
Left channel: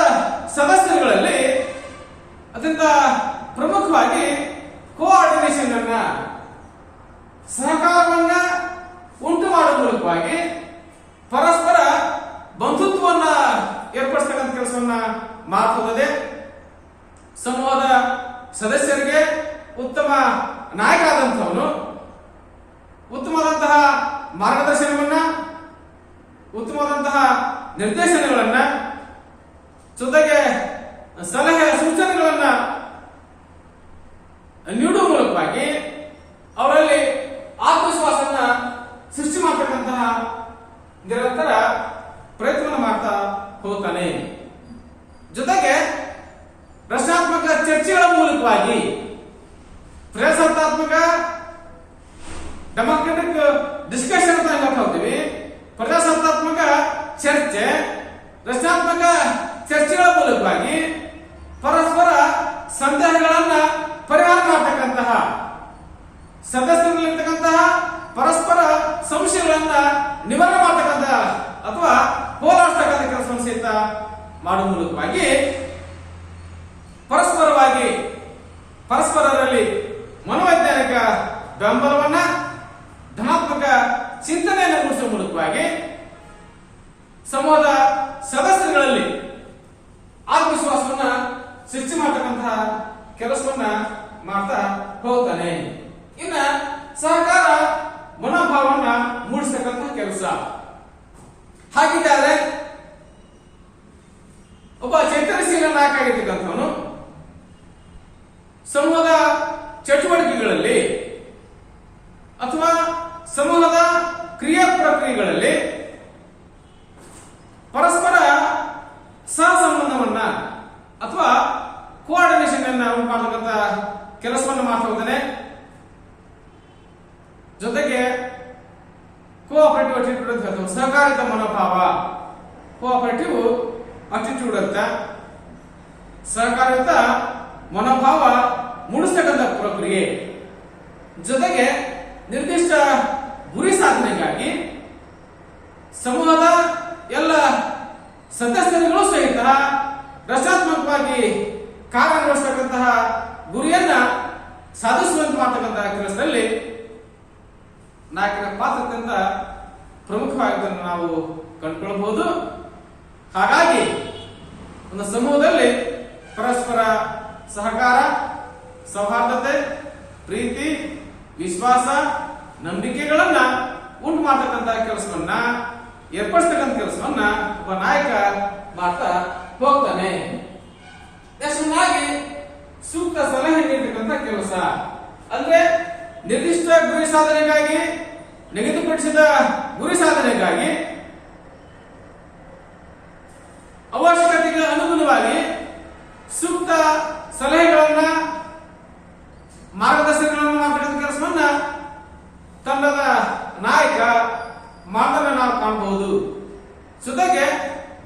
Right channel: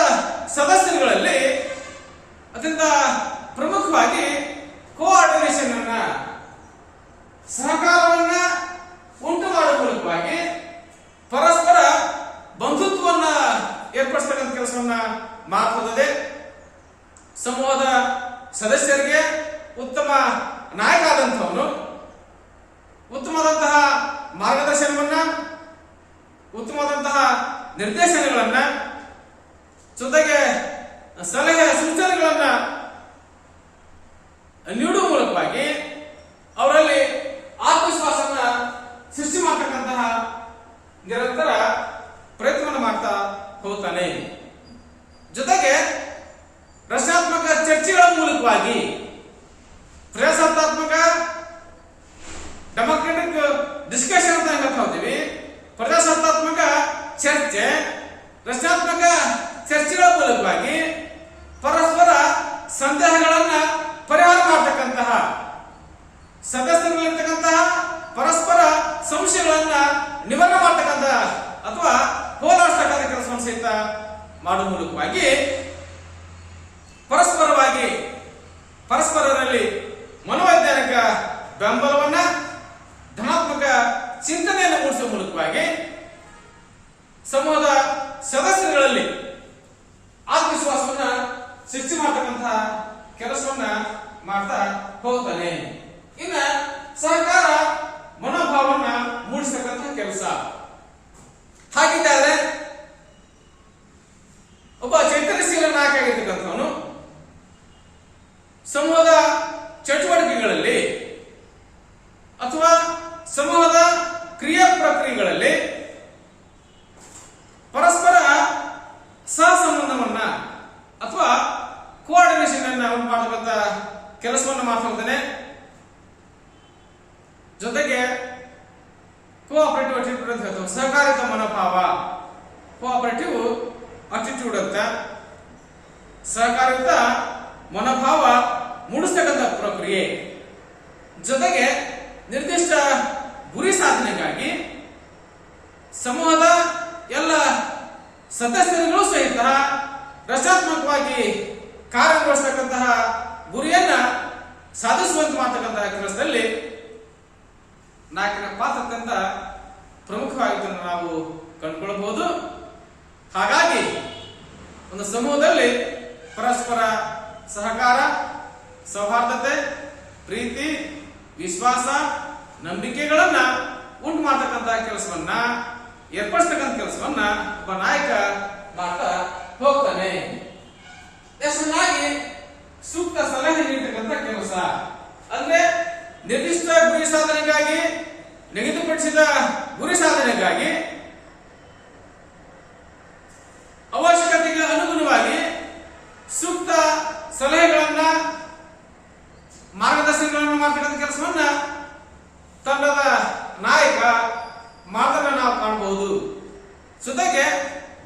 ಸದಸ್ಯರುಗಳಲ್ಲಿ ಅತ್ಯಂತ ಪ್ರಮುಖವಾಗಿ ಕೋಆರ್ಡಿನೇಷನ್ ಅನ್ನ, ಸಹಕಾರವನ್ನ ಉಂಟು ಮಾಡುವ ಮೂಲಕವಾಗಿ ಪರಸ್ಪರ ಬಂಧುತ್ವವನ್ನ ಏರ್ಪಡಿಸತಕ್ಕಂಥ ಕೆಲಸವನ್ನ ಮಾಡಬಹುದು. ಸಮೂಹದ ಸದಸ್ಯರಿಗೆ ಉತ್ತಮ ನಾಯಕ ಆದಂಥವನು ಉತ್ತಮವಾದಂತಹ ಮಾರ್ಗದರ್ಶನವನ್ನ, ಉತ್ತಮವಾದಂತಹ ನಿರ್ದೇಶನಗಳನ್ನ, ಜೊತೆಗೆ ಸಲಹೆ ಸೂಚನೆಗಳನ್ನ ನೀಡುವ ಮೂಲಕವಾಗಿ ಅವರಲ್ಲಿ ಆತ್ಮವಿಶ್ವಾಸನ ಸೃಷ್ಟಿ ಮಾಡತಕ್ಕಂತಹ ನಿರಂತರ ಪ್ರಯತ್ನವನ್ನು ಮಾಡ್ತಾ ಹೋಗ್ತಾನೆ. ಜೊತೆಗೆ ರಚನಾತ್ಮಕ ಚರ್ಚೆಗಳ ಮೂಲಕವಾಗಿ ಪ್ರಜಾಸತ್ತಾತ್ಮಕ ಡೆಮೋಕ್ರೆಟಿಕ್ ಡಿಸ್ಕಷನ್ ಅಂತ ಹೇಳ್ತಾ ಹೋಗ್ತೀವಿ. ಪ್ರಜಾಸತ್ತಾತ್ಮಕ ಚರ್ಚೆ, ರಚನಾತ್ಮಕ ಚರ್ಚೆಗಳ ಮೂಲಕವಾಗಿ ಪರಸ್ಪರ ಸಂದೇಹಗಳನ್ನ ಪರಿಹಾರ ಮಾಡತಕ್ಕಂತಹ, ಸದಸ್ಯರಲ್ಲಿರ್ತಕ್ಕಂತಹ ಪರಸ್ಪರ ಸಂಶಯಗಳನ್ನ ನಿವಾರಣೆ ಮಾಡತಕ್ಕಂತಹ ಅಥವಾ ಹೋರಾಡ್ತಕ್ಕಂಥ ಕೆಲಸವನ್ನು ಸಹಿತ ಮಾಡುವ ಮೂಲಕವಾಗಿ ಪರಸ್ಪರರಲ್ಲಿ ಮನೋವೈಜ್ಞಾನಿಕ ಬೆಂಬಲವನ್ನ, ಧನಾತ್ಮಕ ಚಿಂತನೆಯನ್ನು ಮೂಡಿಸುವ ಮೂಲಕವಾಗಿ ಸಮೂಹದ ಸದಸ್ಯರುಗಳಲ್ಲಿ ಆತ್ಮವಿಶ್ವಾಸವನ್ನ ಸೃಷ್ಟಿ ಮಾಡತಕ್ಕಂತಹ ಕೆಲಸವನ್ನ ಮಾಡ್ತಾ ಹೋಗ್ತಾನೆ. ಇನ್ನ ಸಹಕಾರ ಮನೋಭಾವನ ಮೂಡಿಸತಕ್ಕಂತಹ ಕೆಲಸ. ಹಾಗಿದ್ದರೆ ಒಬ್ಬ ಚೈತನ್ಯಶೀಲ ನಾಯಕ ಆಗಿರ್ತಕ್ಕಂಥವನು ಸಮೂಹದ ಚಟುವಟಿಕೆಗಳಲ್ಲಿ ಅಥವಾ ಸಮೂಹದ ಕ್ರಿಯಾ ಪ್ರಕ್ರಿಯೆಗಳಲ್ಲಿ ಪರಸ್ಪರ ಸಹಸಂಬಂಧವನ್ನ ಅಥವಾ ಕೋಆರ್ಡಿನೇಷನ್ ಅನ್ನ ಉಂಟು ಮಾಡತಕ್ಕಂಥ ಕೆಲಸವನ್ನು ಮಾಡ್ತಾ ಹೋಗ್ತಾನೆ. ಜೊತೆಗೆ ಕೋಆಪರೇಟಿವ್ ಅಟಿಟ್ಯೂಡ್ ಅಂತ ಹೇಳ್ತಾರೆ, ಸಹಕಾರಿತ ಮನೋಭಾವ. ಕೋಆಪರೇಟಿವ್ ಅಟಿಟ್ಯೂಡ್ ಅಂತ ಸಹಕಾರಿತ ಮನೋಭಾವ ಮೂಡಿಸ್ತಕ್ಕಂಥ ಪ್ರಕ್ರಿಯೆ. ಜೊತೆಗೆ ನಿರ್ದಿಷ್ಟ ಗುರಿ ಸಾಧನೆಗಾಗಿ ಸಮೂಹದ ಎಲ್ಲ ಸದಸ್ಯರುಗಳು ಸಹಿತ ರಚನಾತ್ಮಕವಾಗಿ ಕಾರ್ಯನಿರ್ವಹಿಸತಕ್ಕಂತಹ ಗುರಿಯನ್ನ ಸಾಧಿಸುವಂತೆ ಮಾಡತಕ್ಕಂತಹ ಕೆಲಸದಲ್ಲಿ ನಾಯಕನ ಪಾತ್ರ ಅತ್ಯಂತ ಪ್ರಮುಖವಾಗಿದ್ದನ್ನು ನಾವು ಕಂಡುಕೊಳ್ಳಬಹುದು. ಹಾಗಾಗಿ ಒಂದು ಸಮೂಹದಲ್ಲಿ ಪರಸ್ಪರ ಸಹಕಾರ, ಸೌಹಾರ್ದತೆ, ಪ್ರೀತಿ, ವಿಶ್ವಾಸ, ನಂಬಿಕೆಗಳನ್ನ ಉಂಟು ಮಾಡತಕ್ಕಂತಹ ಕೆಲಸವನ್ನ ಏರ್ಪಡಿಸ್ತಕ್ಕಂಥ ಕೆಲಸವನ್ನ ಒಬ್ಬ ನಾಯಕ ಮಾಡ್ತಾ ಹೋಗ್ತಾನೆ. ನೆಕ್ಸ್ಟ್ ಸೂಕ್ತ ಸಲಹೆ ನೀಡತಕ್ಕಂಥ ಕೆಲಸ ಅಂದ್ರೆ ನಿರ್ದಿಷ್ಟ ಗುರಿ ಸಾಧನೆಗಾಗಿ, ನಿಗದಿಪಡಿಸಿದ ಗುರಿ ಸಾಧನೆಗಾಗಿ ಅವಶ್ಯಕತೆಗೆ ಅನುಗುಣವಾಗಿ ಸೂಕ್ತ ಸಲಹೆಗಳನ್ನ, ಮಾರ್ಗದರ್ಶನಗಳನ್ನು ಮಾಡತಕ್ಕಂಥ ಕೆಲಸವನ್ನ ತಂಡದ ನಾಯಕ ಮಾಡೋದನ್ನ ನಾವು ಕಾಣಬಹುದು. ಜೊತೆಗೆ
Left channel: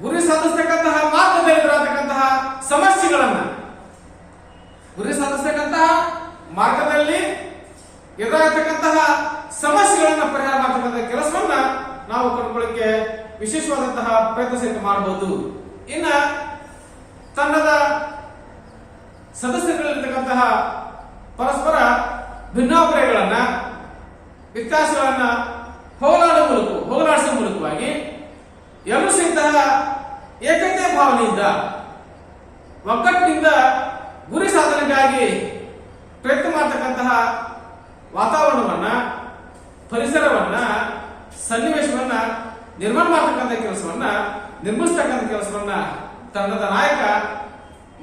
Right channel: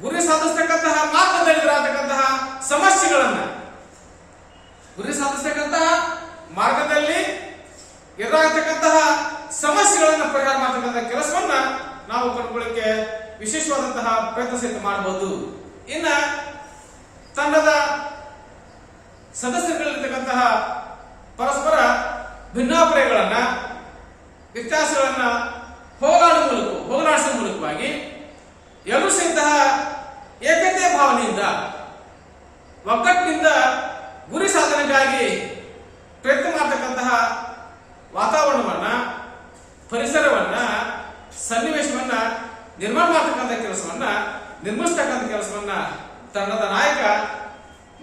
ಗುರಿ ಸಾಧಿಸತಕ್ಕಂತಹ ಮಾರ್ಗದಲ್ಲಿ ಇರತಕ್ಕಂತಹ ಸಮಸ್ಯೆಗಳನ್ನ, ಗುರಿ ಸಾಧಿಸತಕ್ಕಂತಹ ಮಾರ್ಗದಲ್ಲಿ ಎದುರಾಗತಕ್ಕಂತಹ ಸಮಸ್ಯೆಗಳನ್ನ ಪರಿಹಾರ ಮಾಡತಕ್ಕಂತಹ ಕೆಲಸವನ್ನ ನಾವು ಕಂಡುಕೊಳ್ಳಕ್ಕೆ ವಿಶೇಷವಾದಂತಹ ಪ್ರಯತ್ನ ಸಹಿತ ಮಾಡಬಹುದು. ಇನ್ನ ತಂಡದ ಸದಸ್ಯರಲ್ಲಿರ್ತಕ್ಕಂತಹ ಪರಸ್ಪರ ಭಿನ್ನಾಭಿಪ್ರಾಯಗಳನ್ನ, ವ್ಯತ್ಯಾಸಗಳನ್ನ ಹೋಗಲಾಡಿಸುವ ಮೂಲಕವಾಗಿ ಎಲ್ಲರೂ ಸಹಿತ ಏಕತೆ ಭಾವನೆಯಿಂದ, ಒಗ್ಗಟ್ಟಿನಿಂದ ಗುರಿ ಸಾಧನೆಗಾಗಿ ಪ್ರಯತ್ನ ಮಾಡತಕ್ಕಂತಹ ವಾತಾವರಣವನ್ನ, ಪರಿಸರವನ್ನ, ಸನ್ನಿವೇಶವನ್ನ ನಿರ್ಮಾಣ ಮಾಡತಕ್ಕಂಥ ಕೆಲಸವನ್ನ, ನಿರ್ಮಿಸತಕ್ಕಂಥ ಕೆಲಸವನ್ನ ತಂಡದ ನಾಯಕ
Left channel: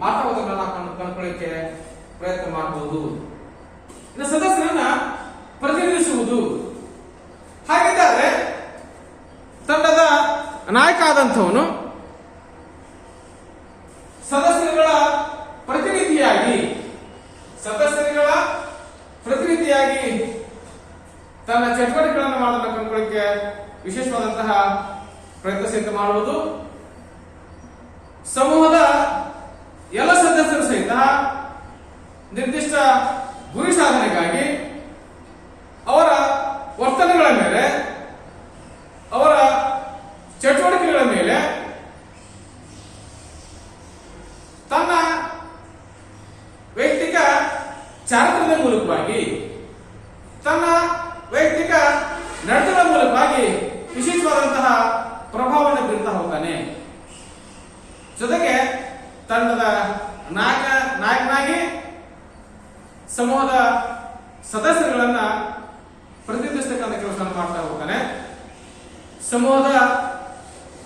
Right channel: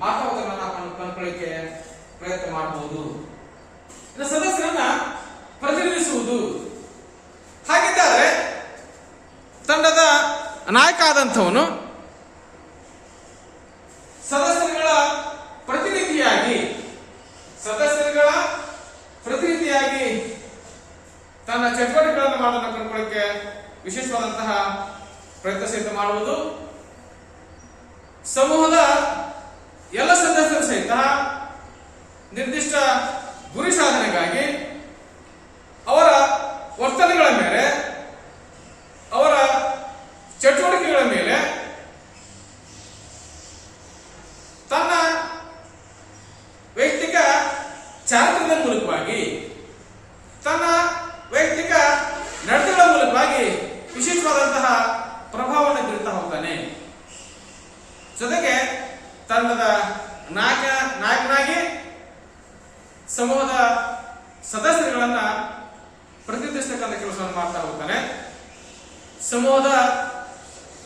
ಮಾತಾಡೋದನ್ನ ನಾವು ಕಂಡುಕೊಳ್ಳಿಕ್ಕೆ ಪ್ರಯತ್ನ ಮಾಡಬಹುದು. ಇನ್ನು ಸದಸ್ಯರನ್ನ ಪ್ರತಿನಿಧಿಸುವುದು. ಹಾಗಿದ್ದರೆ ತಂಡದ ನಾಯಕ ಆದಂಥವನು ಸದಸ್ಯರುಗಳ ಪ್ರತಿನಿಧಿಯಾಗಿ ತನ್ನ ಚಟುವಟಿಕೆಗಳನ್ನು ಮಾಡೋದನ್ನು ಕಂಡುಕೊಳ್ಳಿಕ್ಕೆ ವಿಶೇಷವಾದಂತಹ ಪ್ರಯತ್ನ ಸಹಿತ ಮಾಡುವುದು. ಸಮೂಹದ ಎಲ್ಲ ಸದಸ್ಯರು ಸಹಿತ ನಿರ್ದಿಷ್ಟ ಗುರಿ ಸಾಧನೆಗಾಗಿ ಅವರ ವರ್ತನೆಗಳ ಮೇಲೆ, ಅವರ ಚಟುವಟಿಕೆಗಳ ಮೇಲೆ ತನ್ನ ವೈಯಕ್ತಿಕ ಚಾರಿತ್ರ್ಯದ ಮೂಲಕವಾಗಿ, ತನ್ನ ವೈಯಕ್ತಿಕ ನಡತೆಗಳ ಮೂಲಕವಾಗಿ ವಿಶೇಷವಾದಂತಹ ಪ್ರಭಾವವನ್ನು ಬೀರ್ತಾ ಹೋಗ್ತಾನೆ. ಜೊತೆಗೆ ತಂಡದ ನಾಯಕನಾಗಿ ಸಮೂಹದ ಸದಸ್ಯರುಗಳನ್ನ ಪ್ರತಿನಿಧಿಸತಕ್ಕಂಥ ಕೆಲಸವನ್ನು ಮಾಡ್ತಾ ಹೋಗ್ತಾನೆ. ಸಮೂಹದ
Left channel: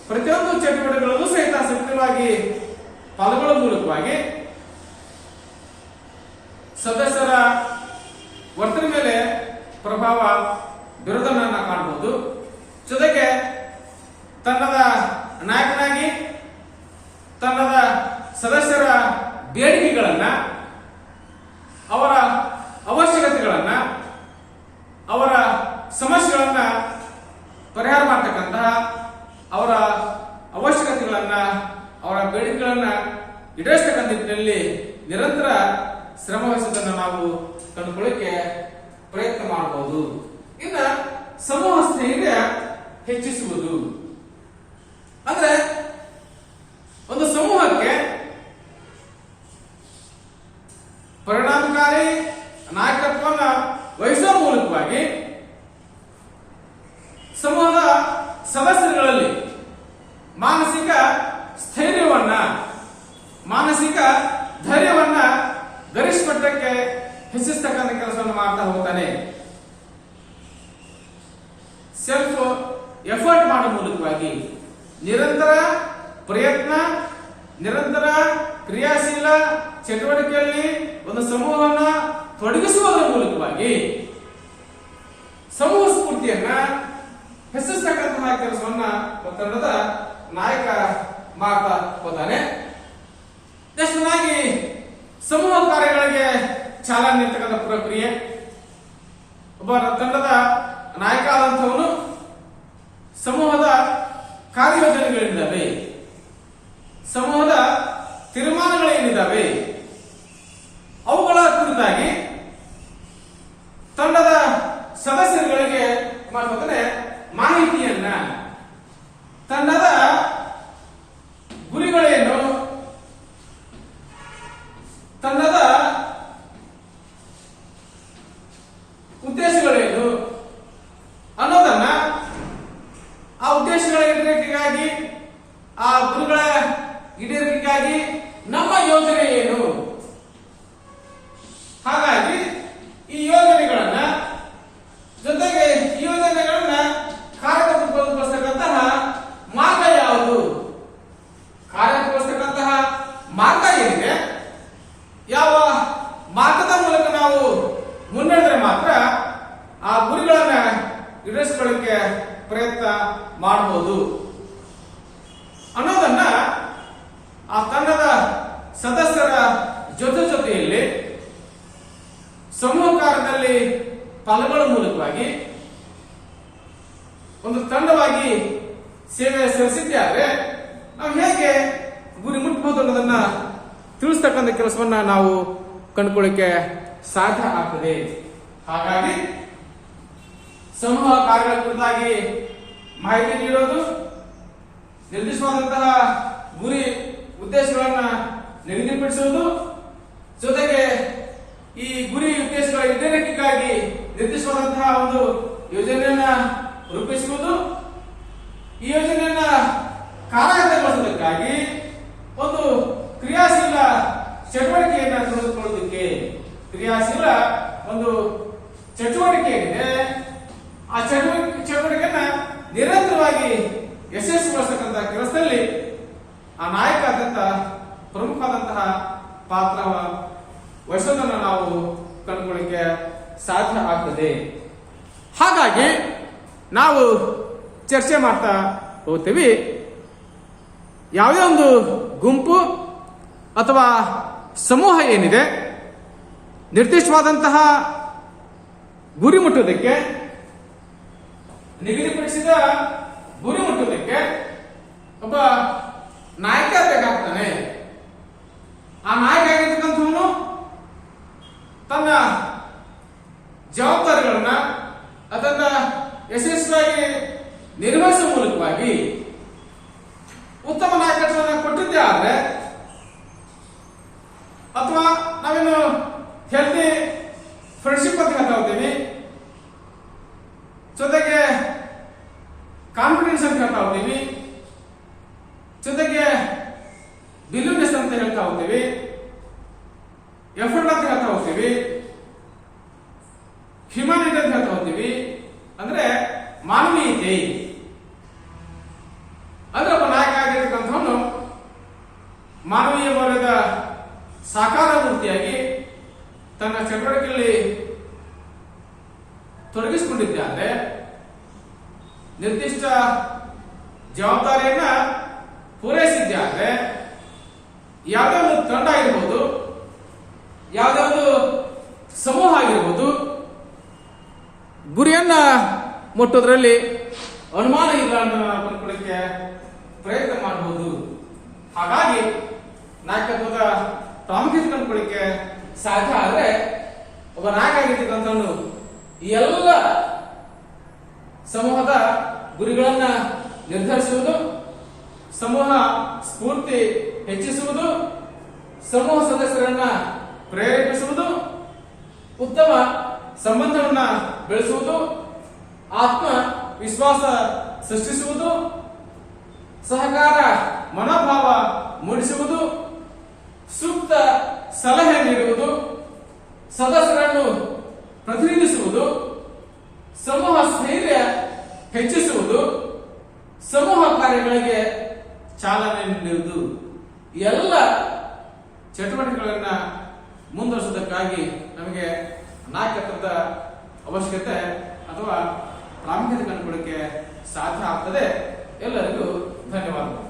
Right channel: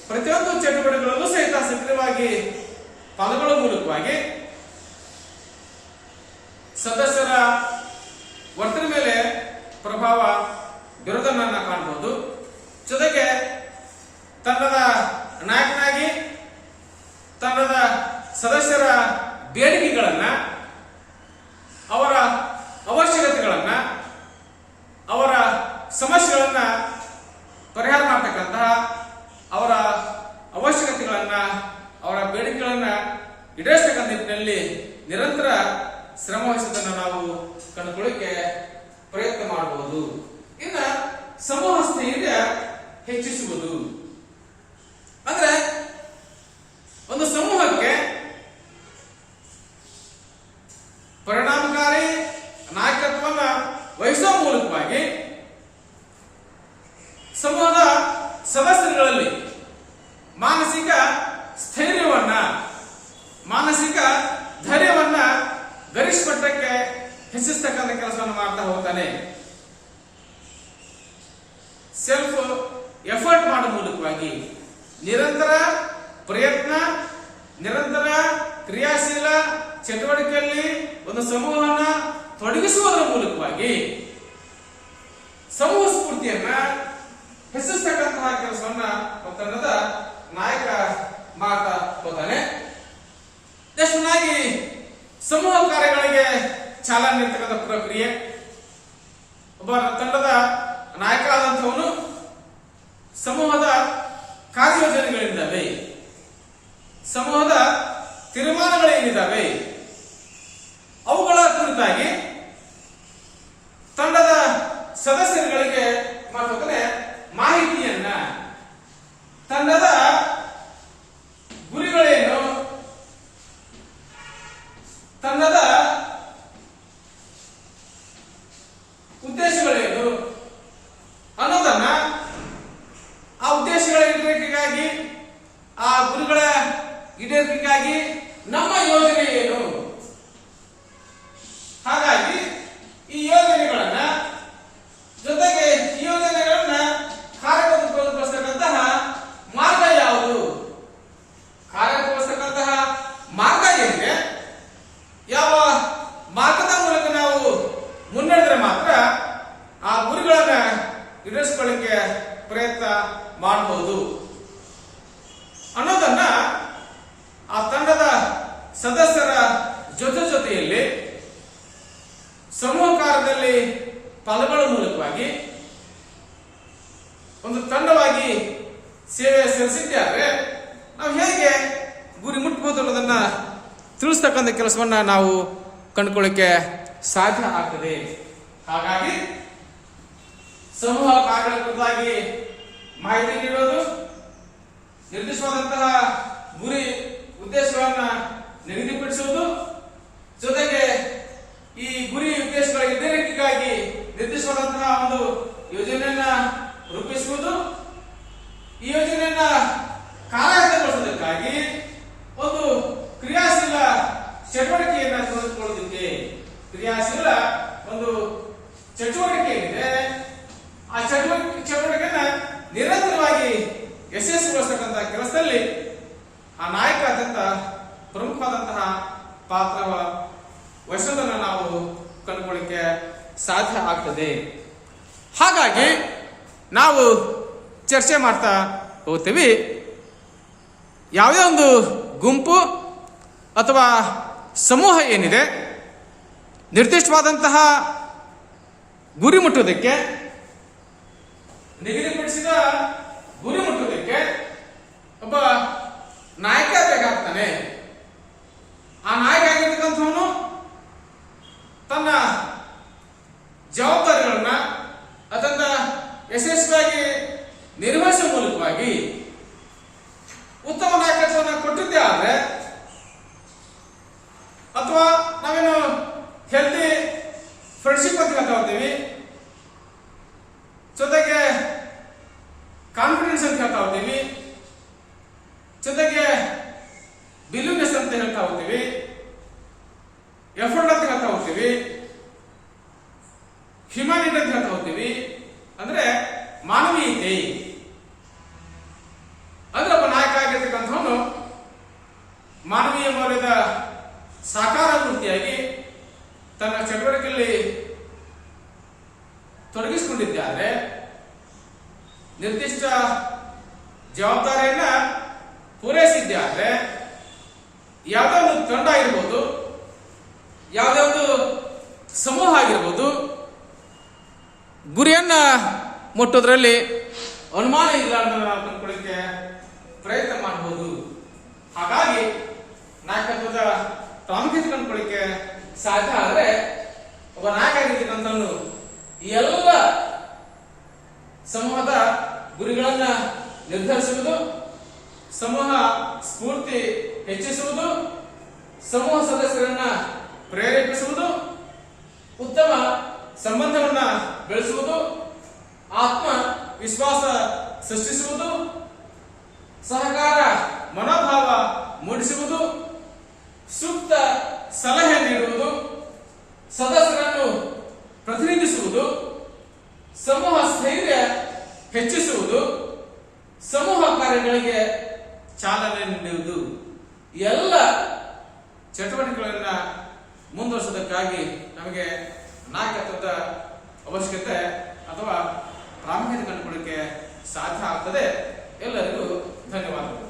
ಪ್ರತಿಯೊಂದು ಚಟುವಟಿಕೆಗಳಲ್ಲೂ ಸಹಿತ ಸಕ್ರಿಯವಾಗಿ ಪಾಲ್ಗೊಳ್ಳುವ ಮೂಲಕವಾಗಿ ಸದಸ್ಯರ ವರ್ತನೆ ಮೇಲೆ ಪ್ರಭಾವ ಬೀರೋದನ್ನ ಕಾಣಬಹುದು. ಜೊತೆಗೆ ತಂಡದ ನಾಯಕನಾಗಿ ತಂಡದ ಸದಸ್ಯರ ಬೇಡಿಕೆಗಳನ್ನ, ಅವರ ಅವಶ್ಯಕತೆಗಳನ್ನ, ಅವರ ಸಮಸ್ಯೆಗಳನ್ನ ಪರಿಹಾರ ಮಾಡತಕ್ಕಂತಹ, ಅವರ ಅವಶ್ಯಕತೆಗಳನ್ನ, ಅವರ ಬೇಡಿಕೆಗಳನ್ನ ಈಡೇರಿಸತಕ್ಕಂಥ ನಿಟ್ಟಿನಲ್ಲಿ ನಿರಂತರ ಶ್ರಮ ವಹಿಸುವುದನ್ನು ನಾವು ಕಂಡುಕೊಳ್ಳಿಕ್ಕೆ ಪ್ರಯತ್ನ ಮಾಡಬಹುದು. ಇನ್ನು ಸಮೂಹ ಸ್ಥೈರ್ಯ ಹೆಚ್ಚಿಸುವುದು ಅಂದ್ರೆ ಒಂದು ಸಮೂಹಕ್ಕೆ ಪರಿಣಾಮಕಾರಿ ನಾಯಕತ್ವವನ್ನು ವಹಿಸುವ ಮೂಲಕವಾಗಿ ಸಮೂಹದ ಸದಸ್ಯರುಗಳಲ್ಲಿ ಮಾನಸಿಕ ಸ್ಥೈರ್ಯವನ್ನ, ಮಾನಸಿಕ ಧೈರ್ಯವನ್ನ ಗರಿಷ್ಠ ಮಟ್ಟಕ್ಕೆ ಹೆಚ್ಚಿಸತಕ್ಕಂಥ ಕೆಲಸವನ್ನು ಮಾಡ್ತಾ ಹೋಗ್ತಾನೆ. ಸೆಲ್ಫ್ ಎಫರ್ಟ್ ಮಾಡುವ ಮೂಲಕವಾಗಿ ನಿರಂತರ ಪ್ರಯತ್ನ, ನಿರಂತರ ಚಟುವಟಿಕೆಯಲ್ಲಿ ಒಂದು ಸಮೂಹವನ್ನ ತೊಡಗಿಸುವುದರ ಮೂಲಕವಾಗಿ ಸಮೂಹ ಸ್ಫೂರ್ತಿಯನ್ನ ಹೆಚ್ಚಿಸತಕ್ಕಂತಹ ಕೆಲಸವನ್ನ ತಂಡದ ನಾಯಕ ಮಾಡ್ತಾ ಹೋದಾನೆ. ನೆಕ್ಸ್ಟ್ನಾಗಿ ಸಮೂಹ ಕಾರ್ಯಗಳಿಗೆ ಚಾಲನೆ ನೀಡತಕ್ಕಂಥ ಪ್ರಕ್ರಿಯೆ. ಒಬ್ಬ ತಂಡದ ನಾಯಕ ಆದಂಥವನು ಸಮೂಹದ ಕಾರ್ಯಯೋಜನೆಗಳಿದ್ದಾವೆ, ಸಮೂಹದ ತೀರ್ಮಾನಗಳೇನಿದ್ದಾವೆ ಅವುಗಳ ಕುರಿತಾಗಿ ತಂಡದ ಸದಸ್ಯರುಗಳಿಗೆ ಮಾತುಕತೆ ಮಾಹಿತಿಯನ್ನ, ತಂಡದ ಗುರಿಗಳೇನು, ತಂಡದ ಉದ್ದೇಶಗಳೇನು ಅನ್ನೋದನ್ನ, ಆ ಉದ್ದೇಶಗಳ ಈಡೇರಿಕೆಗಾಗಿ, ಆ ಗುರಿಗಳ ಈಡೇರಿಕೆಗಾಗಿ ನಮ್ಮ ಯೋಜನೆ ಏನು, ಹಾಗಾಗಿ ಈ ಯೋಜನೆಗಳನ್ನ ಜೊತೆಗೆ ಈ ಯೋಜನೆಗಳನ್ನ ಕಾರ್ಯಗತಗೊಳಿಸತಕ್ಕಂತಹ ಮಾರ್ಗ ಯಾವುದು, ಕಾರ್ಯಗತಗೊಳಿಸತಕ್ಕಂತಹ ಮಾರ್ಗ ಏನಿದೆ, ಯಾವ ಮಾರ್ಗದ ಮೂಲಕ ನಾವು ಮುನ್ನಡೆದ್ರೆ ಮಾತ್ರ ಆ ಗುರಿಗಳನ್ನ ಈಡೇರಿಸಿಕೊಳ್ಳಿಕ್ಕೆ ಪ್ರಯತ್ನ ಮಾಡಬಹುದು ಅನ್ನೋದನ್ನ ಆ ತಂಡದ ಸದಸ್ಯರ ಜೊತೆಯಲ್ಲಿ ಸಮೂಹ ಕಾರ್ಯದಲ್ಲಿ ಪಾಲ್ಗೊಳ್ಳುವ ಮೂಲಕವಾಗಿ ಒಂದು ತಂಡವಾಗಿ ಸೇವೆ ಸಲ್ಲಿಸಿದ್ದಾರೆ. ನಾವು ಹೇಗೆ ಗುರಿ ಮುಟ್ಟಬಹುದು ಅನ್ನೋದನ್ನ ತಿಳಿಸ್ತಕ್ಕಂಥ ಕೆಲಸವನ್ನ ನಾವು ಕಂಡುಕೊಳ್ಳಿಕ್ಕೆ ಸಾಧ್ಯ ಆಗ್ತದೆ. ಹಾಗಾಗಿ ಸಮೂಹ ಕಾರ್ಯಗಳ ಕುರಿತಾಗಿ ಮಾಹಿತಿ ನೀಡೋದು, ನಿರ್ದಿಷ್ಟವಾದಂತಹ ಗುರಿ ಉದ್ದೇಶಗಳನ್ನ ನಿಗದಿಪಡಿಸುವುದು, ಜೊತೆಗೆ ಈ ಗುರಿ ಉದ್ದೇಶಗಳ ಈಡೇರಿಕೆಗಾಗಿ ನಿರ್ದಿಷ್ಟವಾದಂತಹ ಒಂದು ಯೋಜನೆಯನ್ನ ರೂಪಿಸುವುದು, ಈ ಯೋಜನೆಯನ್ನ ಕಾರ್ಯಗತಗೊಳಿಸುವುದಕ್ಕಾಗಿ ಒಂದು ಕ್ರಿಯಾಶೀಲ ಚಟುವಟಿಕೆಯನ್ನ ತೆಗೆದುಕೊಳ್ಳುವುದಕ್ಕೆ, ಕ್ರಿಯಾಶೀಲ ಒಂದು ಚಟುವಟಿಕೆ ಇದೆ, ಆ ಚಟುವಟಿಕೆಯನ್ನ ನಿರಂತರವಾಗಿ ಯಶಸ್ವಿಗೊಳಿಸತಕ್ಕಂತಹ ಕೆಲಸದಲ್ಲಿ ಆ ನಾಯಕ ಅತ್ಯಂತ ಪ್ರಮುಖವಾದಂತಹ ಪಾತ್ರ ವಹಿಸೋದನ್ನು ನಾವು ಕಂಡುಕೊಳ್ಳಿಕ್ಕೆ ಸಾಧ್ಯ ಆಗ್ತದೆ. ಹಾಗಾಗಿ ನಾವು ಚರ್ಚೆ ಮಾಡ್ತಾ ಹೋಗ್ತೀವಿ. ಯಾವುದೇ ಒಂದು ಗುಂಪು ಅಥವಾ ಸಮೂಹ ಏನಿದೆ, ನಿರ್ದಿಷ್ಟವಾದಂತಹ ಗುರಿ ಮುಟ್ಟುವುದಕ್ಕೆ, ನಿಗದಿಪಡಿಸಿದ ಗುರಿ ಮುಟ್ಟುವುದಕ್ಕೆ ಒಬ್ಬ ನಾಯಕ ಬೇಕಾಗ್ತಾನೆ. ಆ ನಾಯಕ ಆಗಿರ್ತಕ್ಕಂಥವನು ತನ್ನ ಜವಾಬ್ದಾರಿಗಳನ್ನ ಅದನ್ನ ಯಶಸ್ವಿಯಾಗಿ ನಿರ್ವಹಿಸುವ ಮೂಲಕವಾಗಿ ಉತ್ತಮ ನಾಯಕತ್ವವನ್ನು ಕೊಟ್ಟಿದ್ದೇ ಆದ್ರೆ, ಅಥವಾ ನಾವೇನು ಹೆಲ್ತಿ ಫ್ರೆಂಡ್ಶಿಪ್ ಅಂತ ಹೇಳ್ತಾ ಹೋಗ್ತೀವಿ, ಜೊತೆಗೆ ಕಾನ್ಫಿಡೆನ್ಸ್ ಅಂತ ಹೇಳ್ತಾ ಹೋಗ್ತೀವಿ, ಜೊತೆಗೆ ಬಿಲೀವ್ನೆಸ್ ಅಂತ ಹೇಳ್ತಾ ಹೋಗ್ತೀವಿ, ಎಫರ್ಟ್ ಅಂತ ಹೇಳ್ತಾ ಹೋಗ್ತೀವಿ, ಹ್ಯುಮ್ಯಾನಿಟಿ ಅಂತ ಹೇಳ್ತಾ ಹೋಗ್ತೀವಿ. ಅಂದ್ರೆ ಮಾನವೀಯತೆ. ಅಂದ್ರೆ ಒಬ್ಬ ನಾಯಕ ಆಗಿರ್ತಕ್ಕಂಥವನು ಮಾನವೀಯ ಮೌಲ್ಯದ ಸಾಕಾರ ಮೂರ್ತಿಯಾಗಿ ತನ್ನ ಚಟುವಟಿಕೆಯಲ್ಲಿ ತೊಡಗಿಸಿಕೊಂಡಿದ್ದಾರೆ. ನಿರ್ದಿಷ್ಟ ಜವಾಬ್ದಾರಿಯನ್ನ ಪೂರೈಸಿದ್ದಾರೆ. ಯಾವುದೇ ಒಂದು ತಂಡ ಆಗಿರ್ಬೋದು, ಯಾವುದೇ ಒಂದು ಸಮೂಹ ಆಗಿರ್ಬೋದು, ಗುರಿಯನ್ನ ಮುಟ್ಟೋದ್ರಲ್ಲಿ ಅನುಮಾನ ಇಲ್ಲ ಅಂತ ನಾವು ಕಂಡುಕೊಳ್ಳಿಕ್ಕೆ ಪ್ರಯತ್ನ ಮಾಡಬಹುದು. ಹಾಗಾಗಿ ನಾಯಕತ್ವದ ಪ್ರಾಮುಖ್ಯತೆ ಕಂಡುಕೊಳ್ಳಿಕ್ಕೆ ಸಾಧ್ಯ ಆದ್ರೆ ಒಬ್ಬ ನಾಯಕ ಆಗಿರ್ತಕ್ಕಂಥವನು ಈ ಎಲ್ಲ ಸಮೂಹದ ಗುರಿಗಳನ್ನ ನಿರ್ಧರಿಸುವುದು, ಸಮೂಹ ಸ್ಫೂರ್ತಿ ಹೆಚ್ಚಿಸುವುದು, ಸಮೂಹ ಸದಸ್ಯರನ್ನ ಪ್ರೇರೇಪಿಸುವುದು, ಉತ್ತಮ ಸಂಬಂಧವನ್ನ ಬೆಳೆಸುವುದು, ಆತ್ಮ ವಿಶ್ವಾಸ ಸೃಷ್ಟಿಸುವುದು, ಸಹಕಾರ ಮನೋಭಾವ ಮೂಡಿಸುವುದು, ಸೂಕ್ತ ಸಲಹೆ ನೀಡುವುದು, ಸದಸ್ಯರನ್ನು ಪ್ರತಿನಿಧಿಸುವುದು, ಸಮೂಹ ಸ್ಥೈರ್ಯ ಹೆಚ್ಚಿಸುವುದು, ಸಮೂಹ ಕಾರ್ಯಗಳಿಗೆ ಚಾಲನೆ ನೀಡುವುದು, ಎಲ್ಲ ಚಟುವಟಿಕೆಗಳನ್ನ ಮುಂದುವರಿಸೋದಕ್ಕಾಗಿ ನಮಗೆ ನಾಯಕತ್ವದ ಅವಶ್ಯಕತೆ ಅಥವಾ ಪ್ರಾಮುಖ್ಯತೆ ಕೊಡಲಿಕ್ಕೆ ಸಾಧ್ಯ ಆಗ್ತದೆ. ಎಲ್ಲರಿಗೂ ಧನ್ಯವಾದಗಳು.